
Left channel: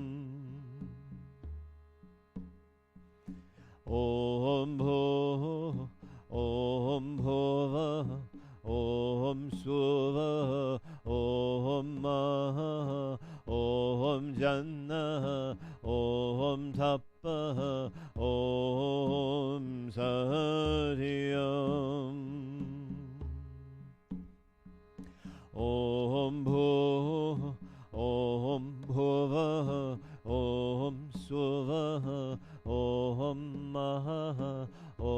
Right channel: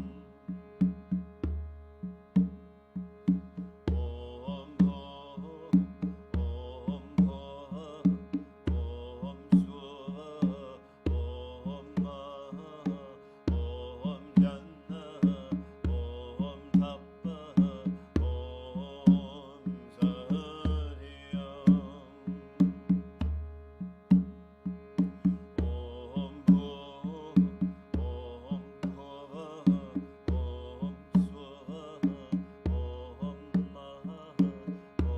ॐ भुवः ॐ स्वः ॐ महः ॐ जन्नः ॐ तपः ॐ सह्यम् ॐ भुवः ॐ स्वः ॐ महः ॐ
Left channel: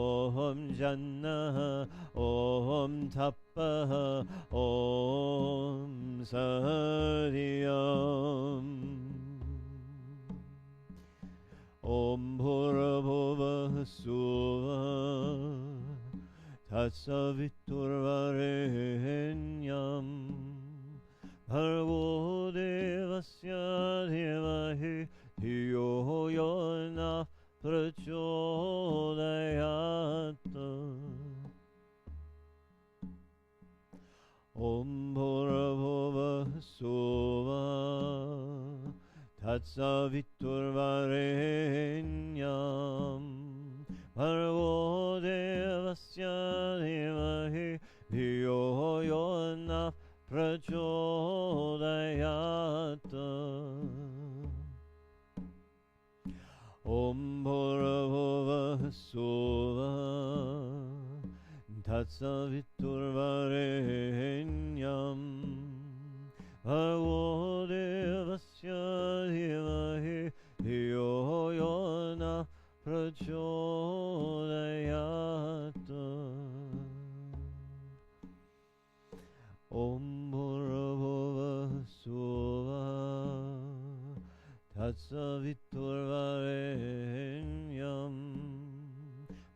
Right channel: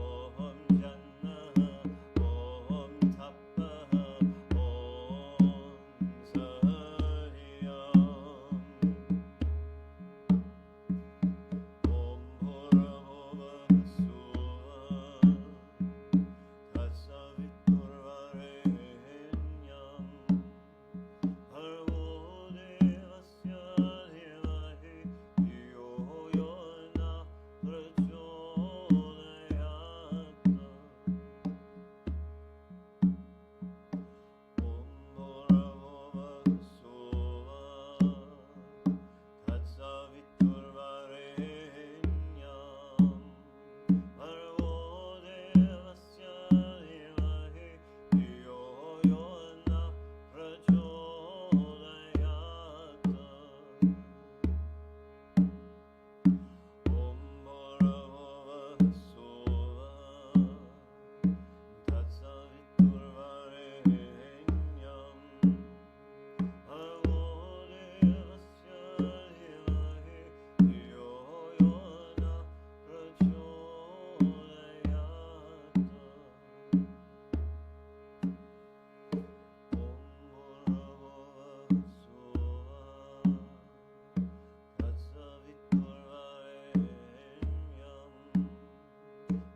जन्नः ॐ तपः ॐ सह्यम् ॐ भूर्भुवः स्वः Tatsaviturvarenyam Bhargo devasya dhimahi Dhiyo yo na prachodayat Om Bhurbhuva Sova Tatsaviturvarenyam Bhargo devasya dhimahi Dhiyo yo na prachodayat Om Bhurbhuva Sova Tatsaviturvarenyam Bhargo devasya dhimahi Dhiyo yo na prachodayat Om Bhurbhuva Sova Tatsaviturvarenyam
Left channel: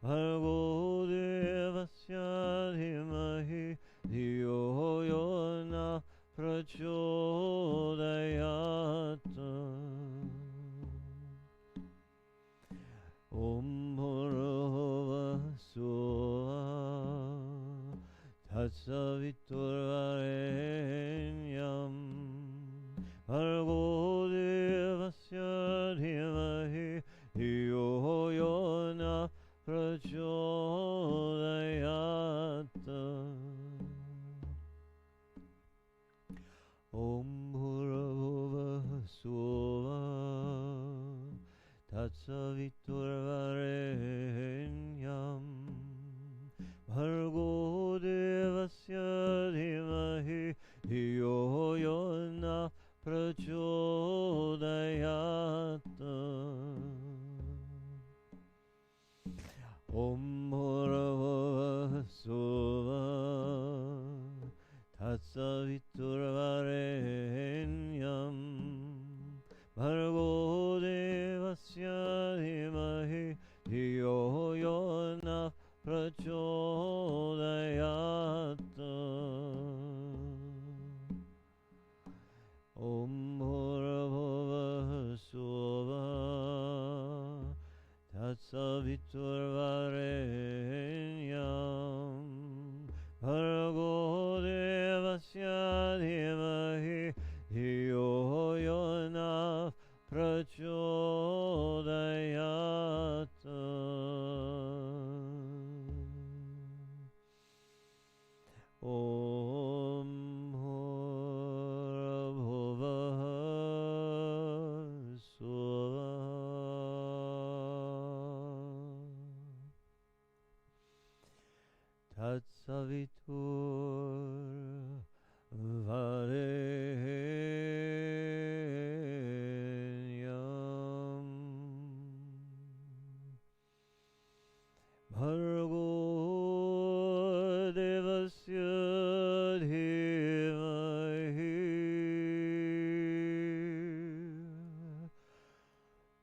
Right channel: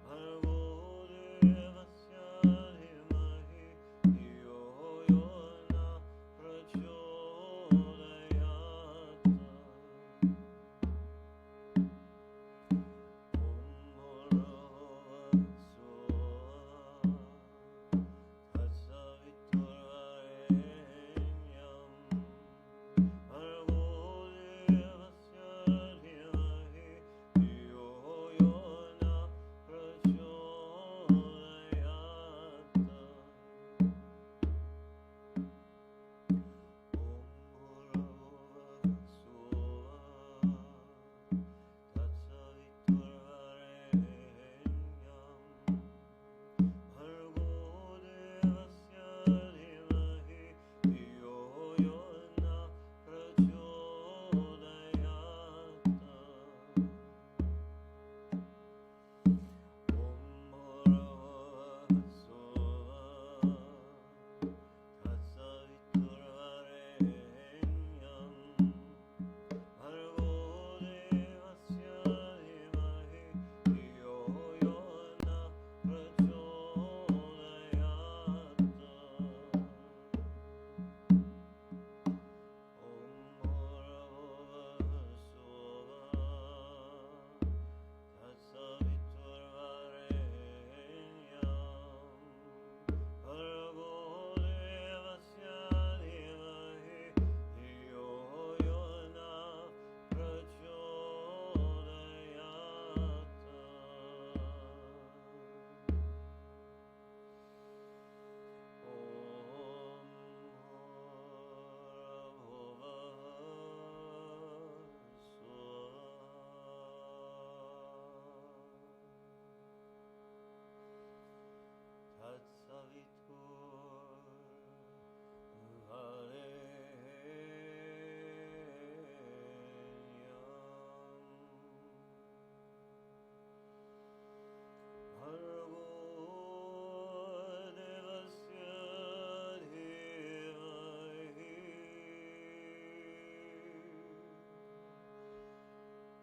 Bhargo devasya dhimahi Dhiyo yo na prachodayat Om Bhurbhuva Sova Tatsaviturvarenyam Bhargo devasya dhimahi Dhiyo yo na prachodayat Om Bhurbhuva Sova Tatsaviturvarenyam Bhargo devasya dhimahi Dhiyo yo na prachodayat Om Bhurbhuva Sova Tatsaviturvarenyam Bhargo devasya dhimahi Dhiyo yo na prachodayat Om Bhurbhuva Sova Tatsaviturvarenyam Bhargo devasya dhimahi Dhiyo yo na prachodayat Om Bhurbhuva Sova Tatsaviturvarenyam Bhargo devasya dhimahi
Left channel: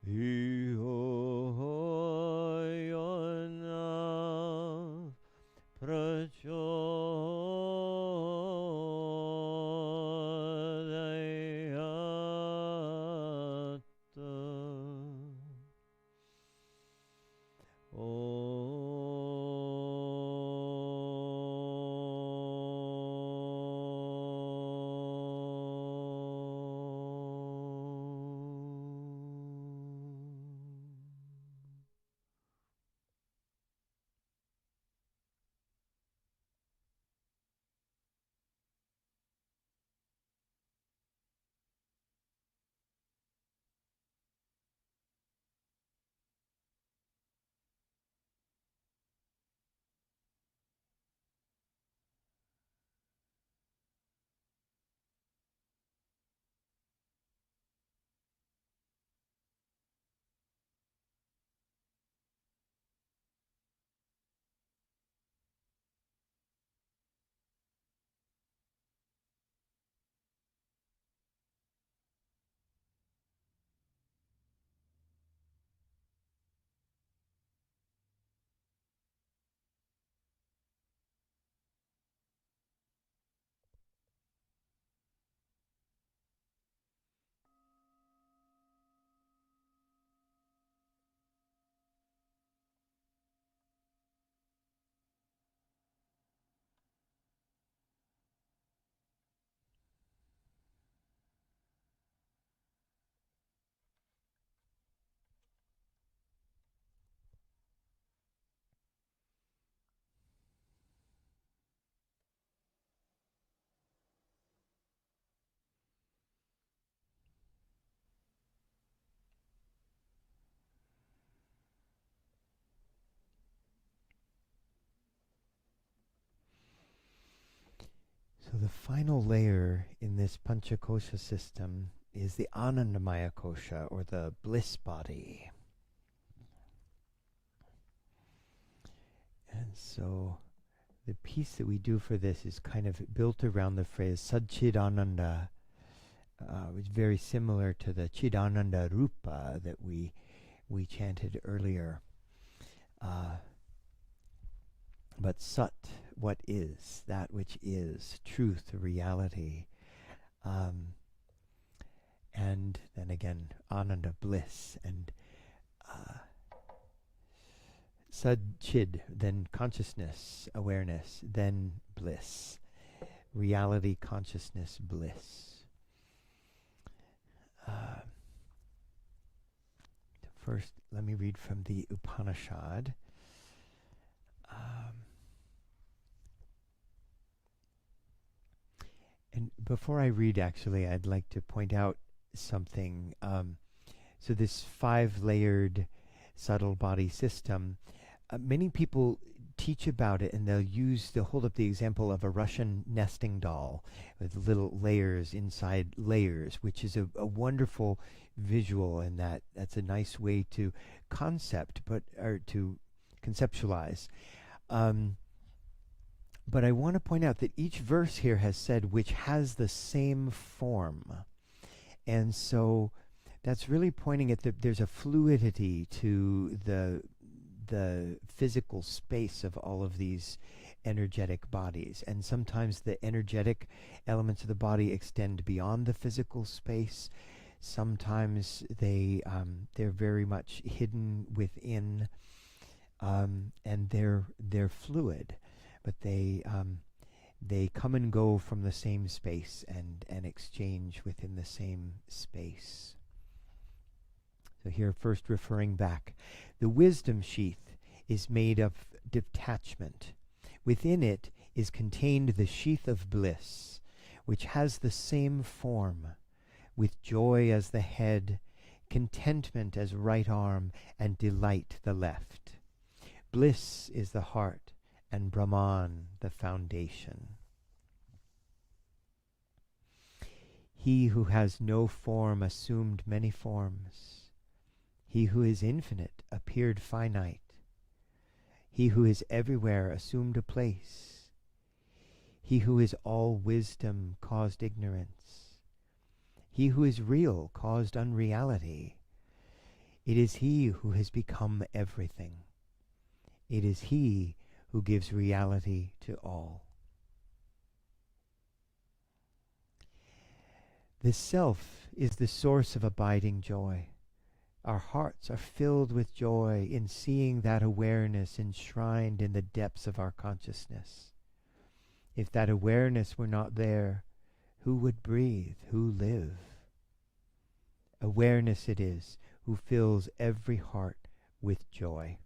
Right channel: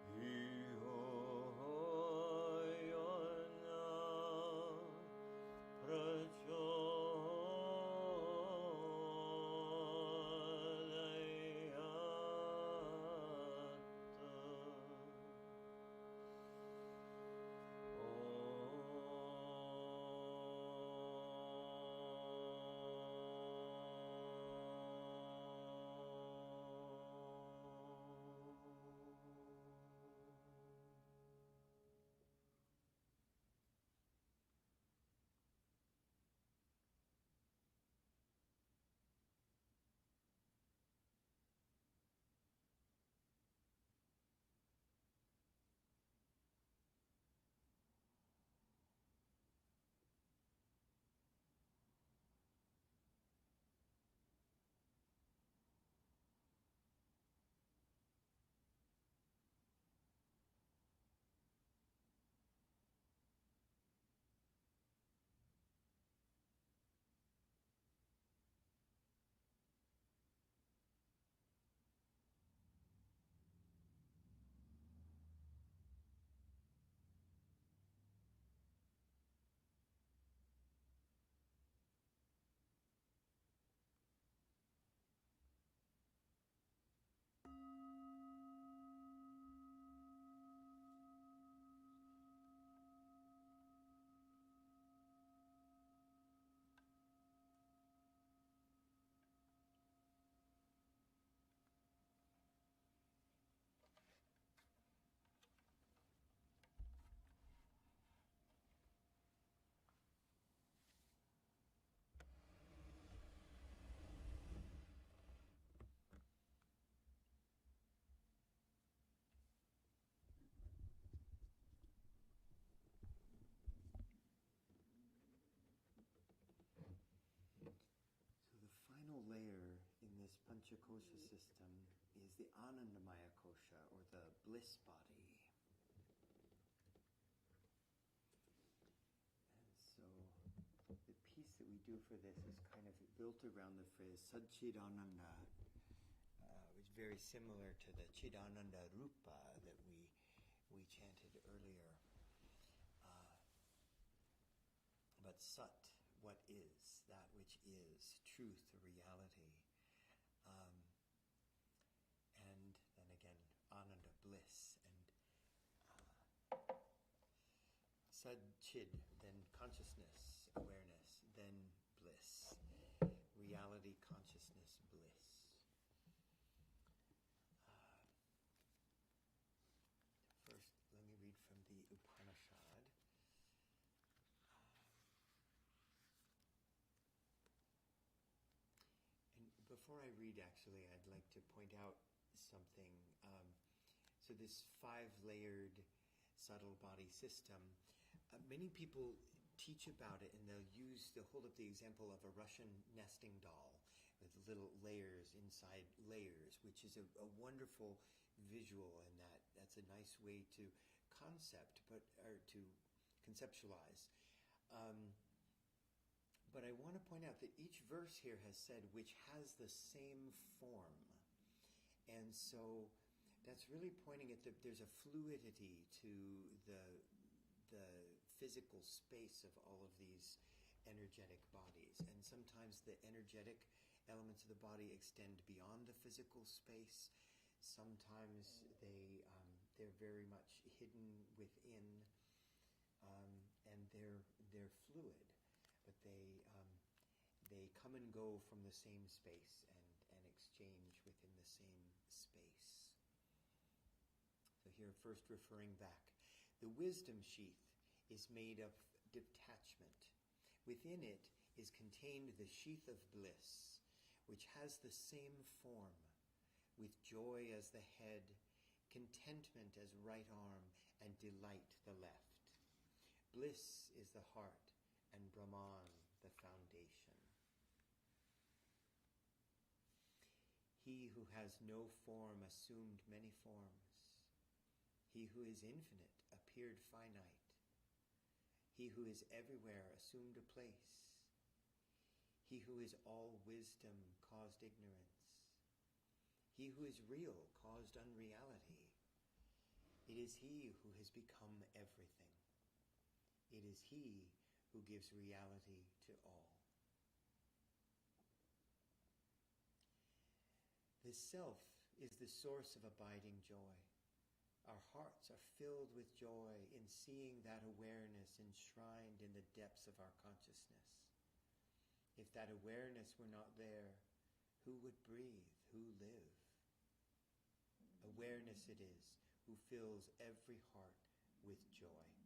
Dhiyo yo na prachodayat final layer in this Panchakosha system is the Anandamaya Kosha, or the bliss body. And so the piece that we do for this is kind of built around the phrase Satchidananda, which is very similar to the Chidananda Rupa that we chanted earlier. But Sat, what is, that which is, truth, reality. And then again, Ananda, bliss, and Sad-chid, then consciousness, awareness, then bliss. Reality, consciousness, bliss. First, let me read from the Upanishad. And before I read, actually, I'd like to point out something. So this 5-layered subtle body system, many people teach about it, and they'll hold up the example of a Russian nesting doll with little layers inside layers, which is a wonderful visual, and that's a nice way to to conceptualize. But I want to point out that each verse here has said which has the same form. And so that's really pointing at there's a fluidity to the physical space of all of these energetic bodies. And sometimes the energetic elements of the body extend beyond the physical space. Sometimes they're very much hidden within, and they're fluid, but they come and go from the same space and exchange within the same space. So here, first referring back, the wisdom sheath is made of detachment. Within it is contained the sheath of bliss, which has the same form, with joy as the head, contentment as right arm, and delight the left. Bliss is the heart, and Brahman the foundation. He who has no form assumed many forms. He who is infinite appeared finite. He who is everywhere assumed a place. He who is all wisdom caused ignorance. He who is real caused unreality. It is he who has become everything. It is he who gives reality to all. The self is the source of abiding joy. Our hearts are filled with joy in seeing that awareness enshrined in the depths of our consciousness. If that awareness were not there, who would breathe, who live? Awareness it is who fills every heart with joy.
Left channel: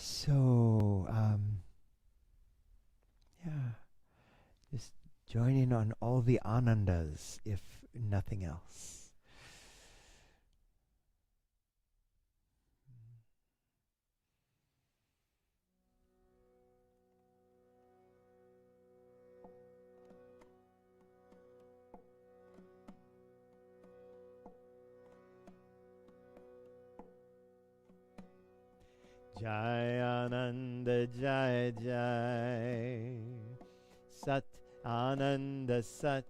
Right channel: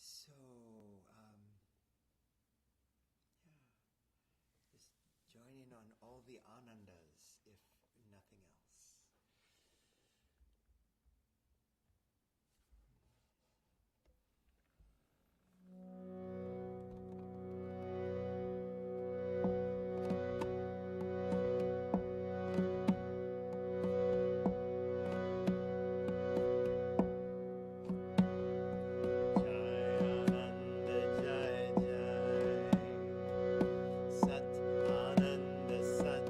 So, just join in on all the anandas, if nothing else. Jai Jai, Sat Ananda Sat,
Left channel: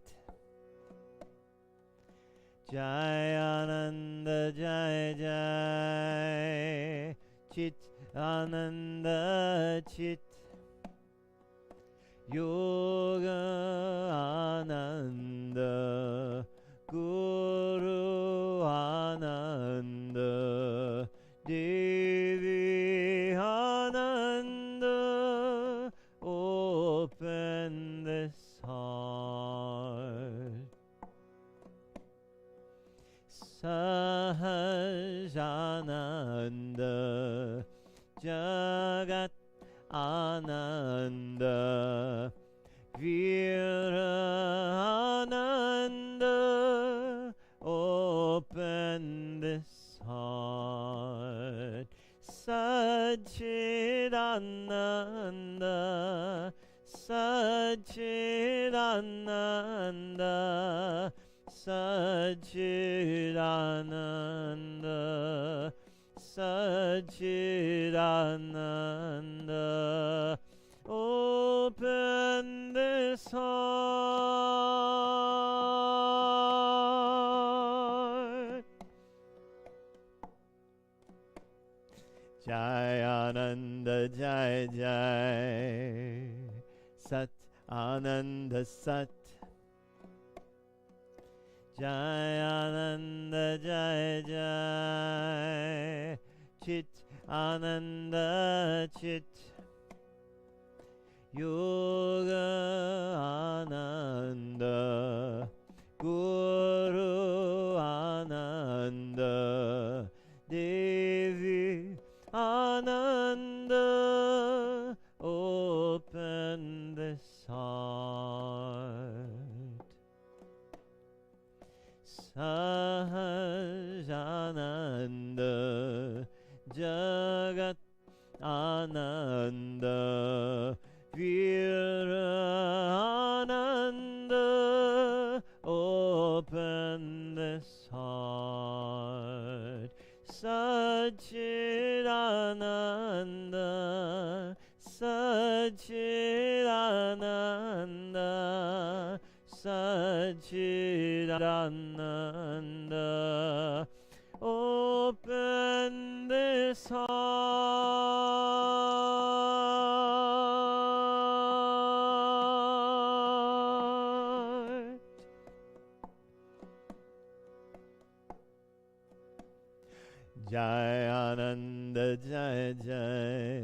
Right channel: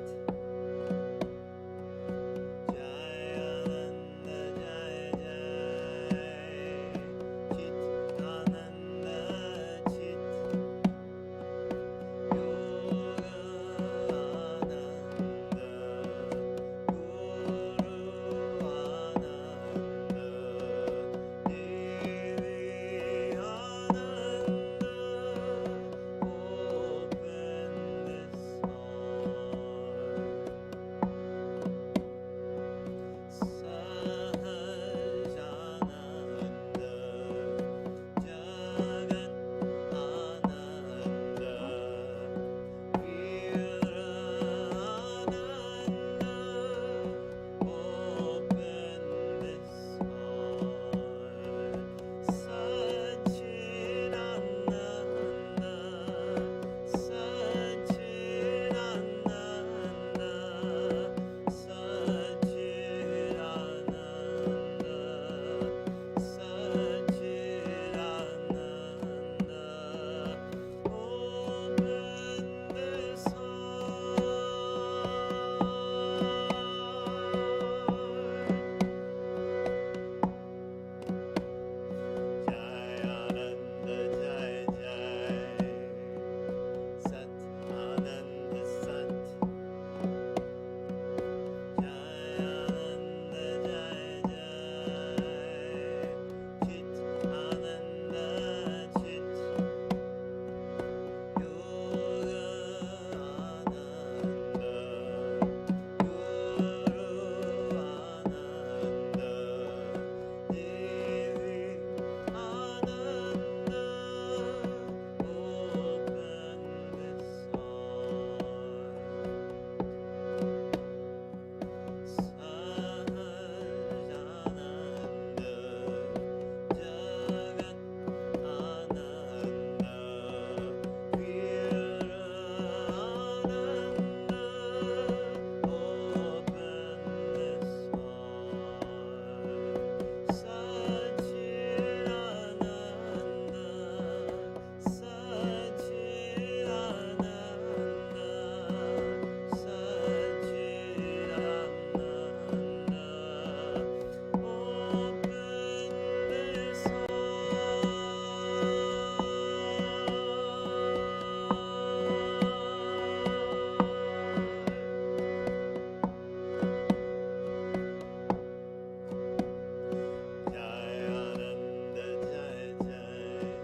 Jai Ananda Jai Jai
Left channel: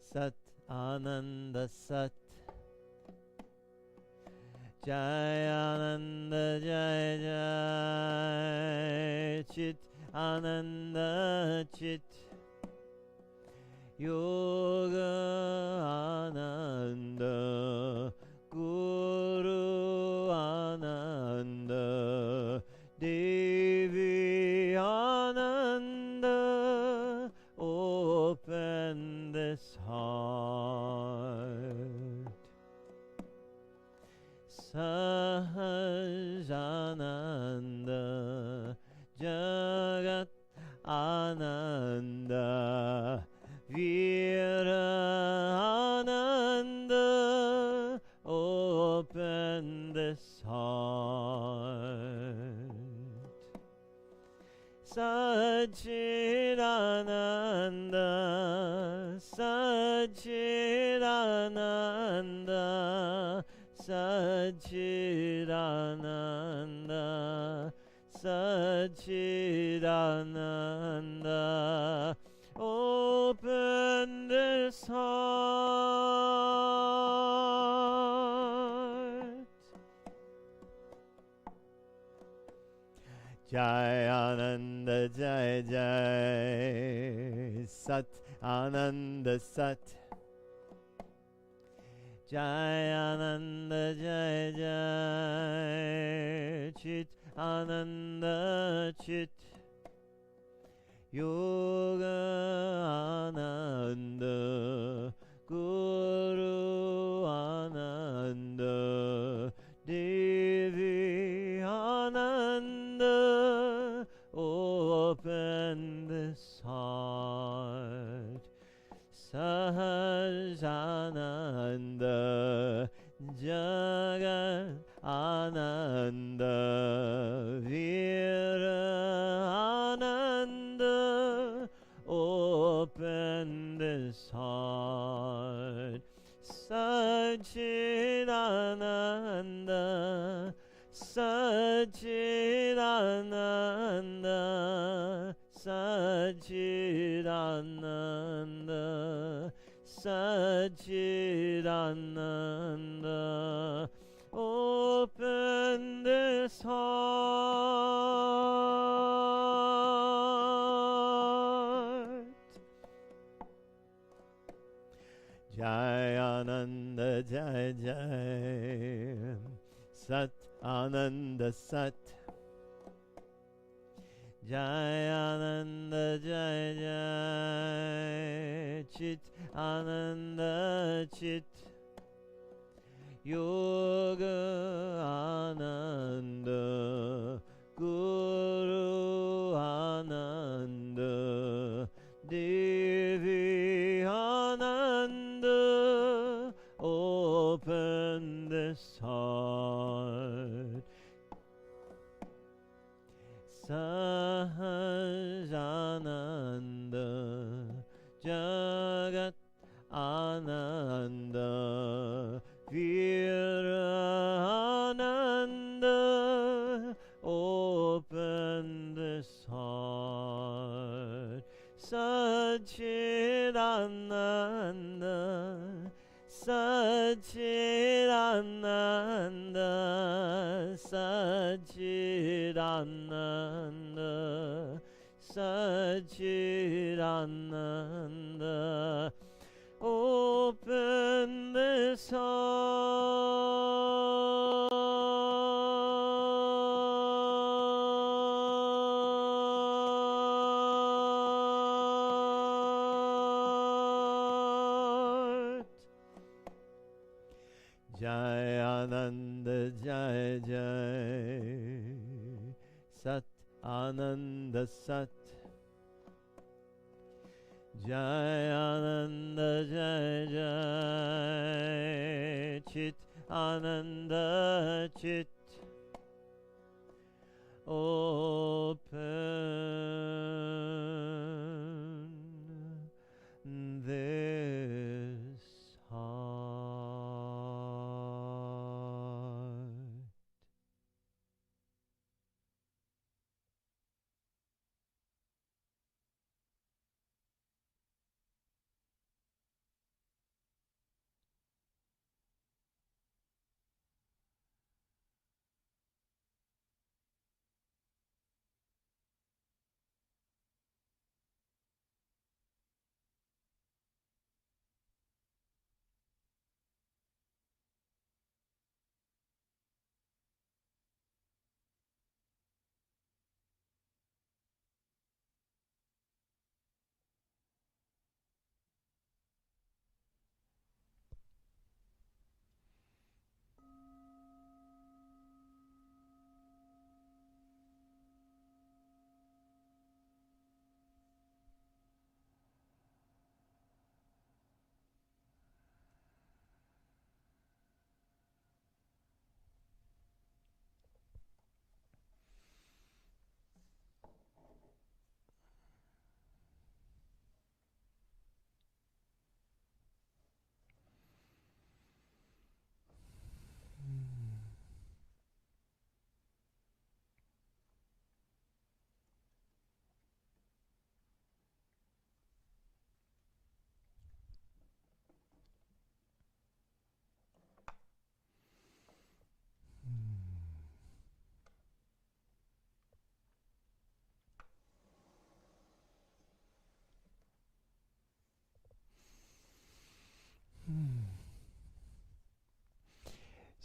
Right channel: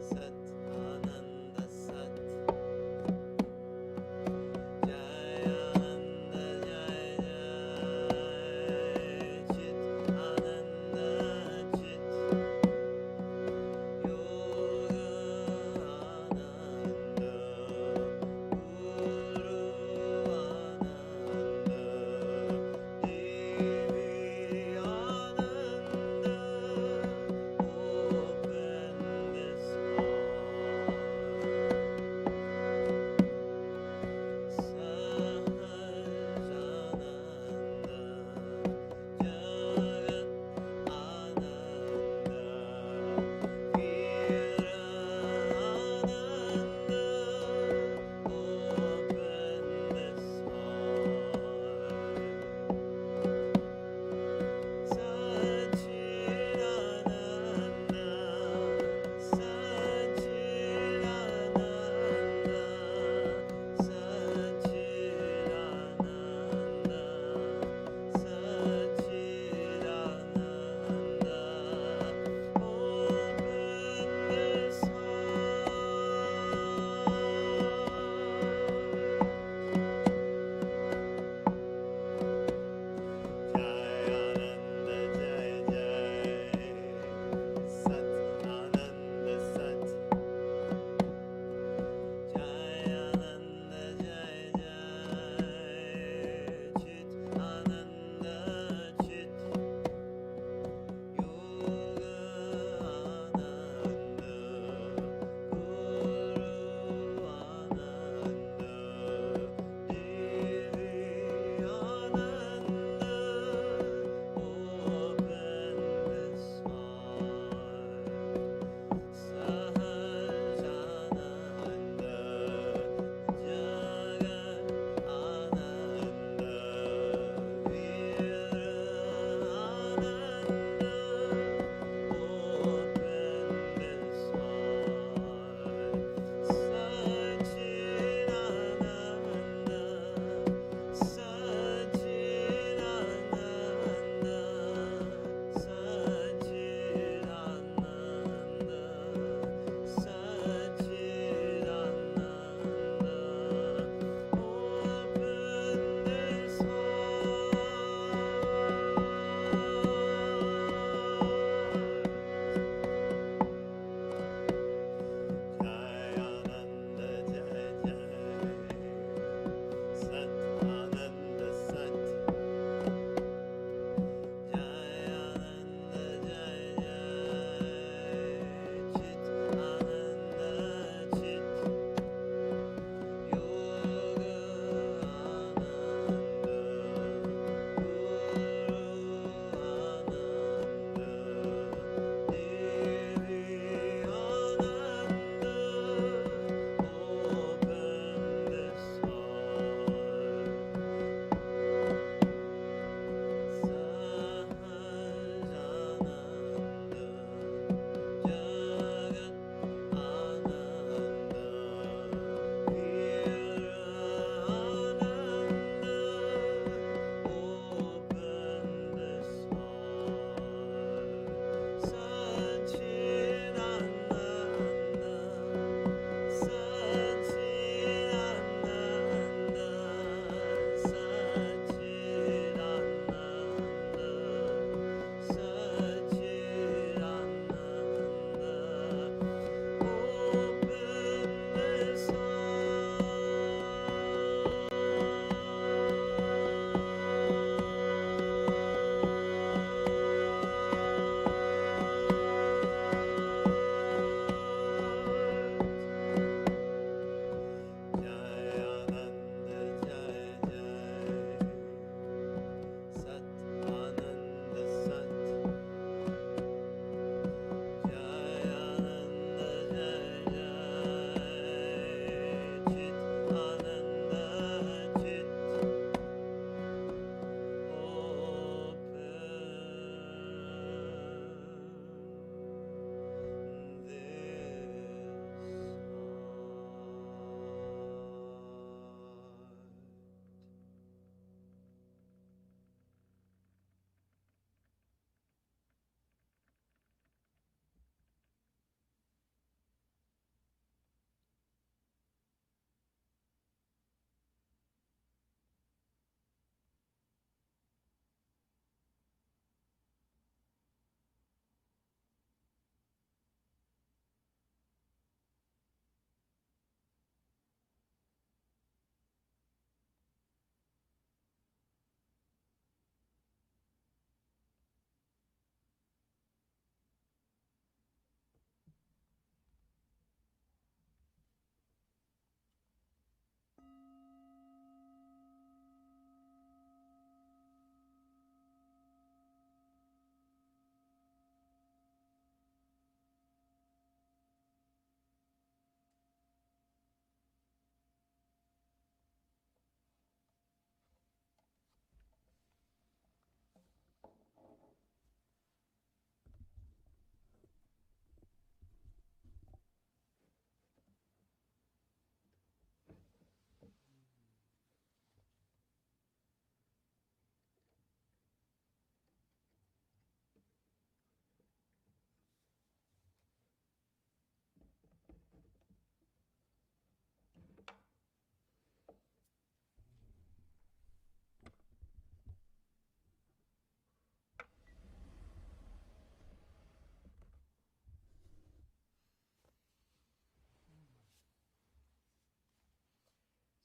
Sat Ananda Sat Jai Ananda Jai Jai Chit Ananda Chit Yoga Ananda Guru Ananda Devi Ananda open this heart Sahajananda Jagat Ananda Veera Ananda open this heart Sachidananda Sachidananda Sachidananda Sachidananda open this heart Jai Ananda Jai Jai Sat Ananda Sat Jai Ananda Jai Jai Chit Ananda Chit Yoga Ananda Guru Ananda Devi Ananda open this heart Sahajananda Jagat Ananda Veera Ananda open this heart Sachidananda Sachidananda Sachidananda Sachidananda open this heart Jai Ananda Jai Jai Sat Ananda Sat Jai Ananda Jai Jai Chit Ananda Chit Yoga Ananda Guru Ananda Devi Ananda open this heart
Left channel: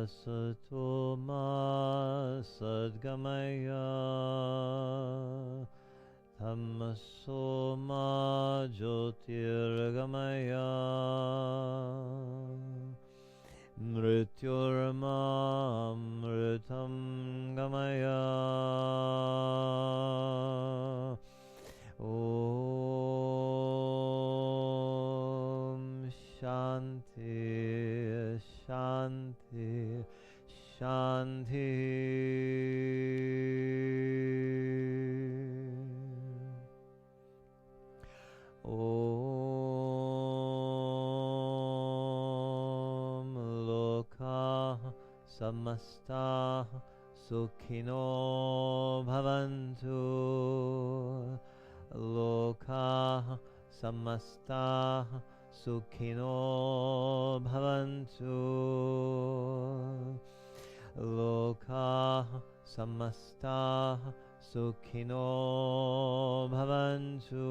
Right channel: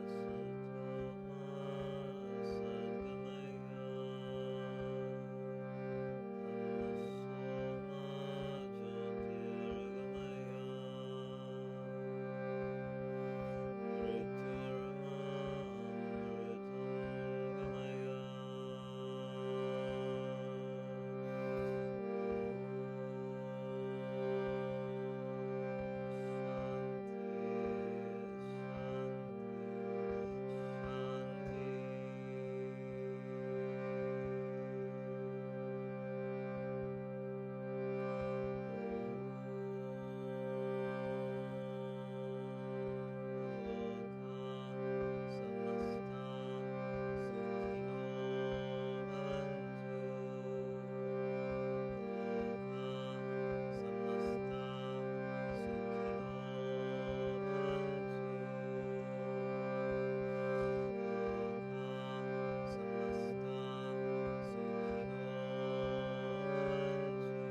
asato ma sadgamaya tamaso ma jyotirgamaya mrityorma amritam gamaya. Samasta Sukhino Bhavantu Loka Samasta Sukhino Bhavantu Loka Samasta Sukhino Bhavantu.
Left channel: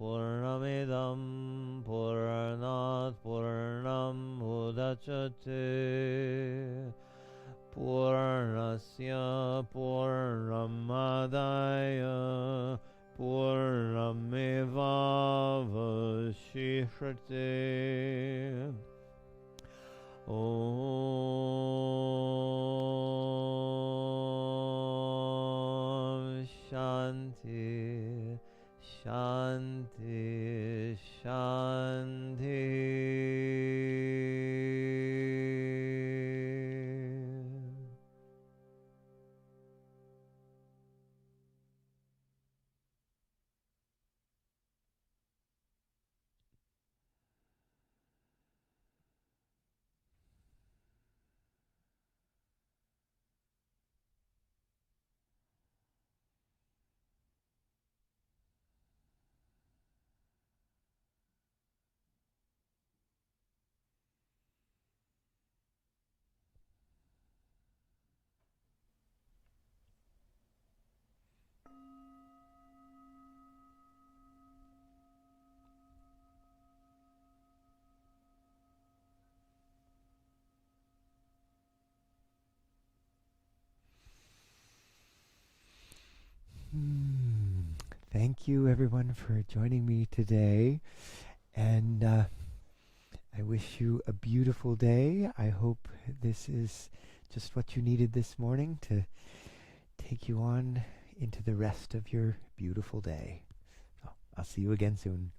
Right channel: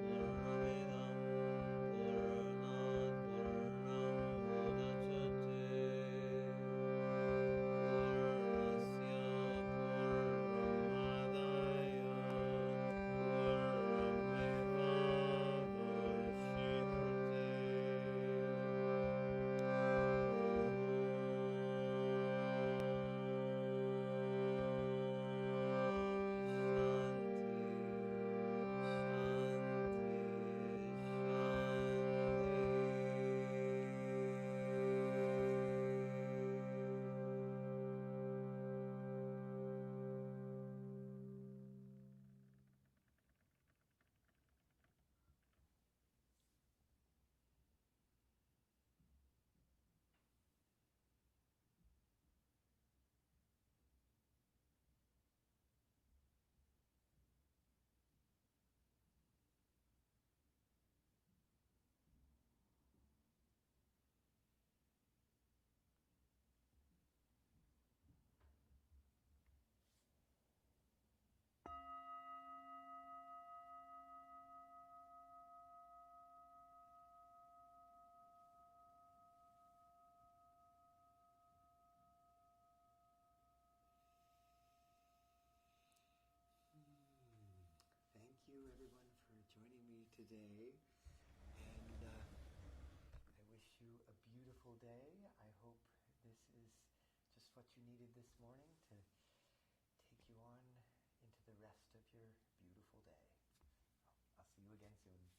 Purnamidam Purnat Purnam Mudachyate Purnasya Purnamadaya Purnamevavashishrate. Thank you, everyone, for joining me today. And I wish you a beautiful day. I hope this is just what you needed this morning to take you on into the rest of your beautiful day. So I'll see you again soon.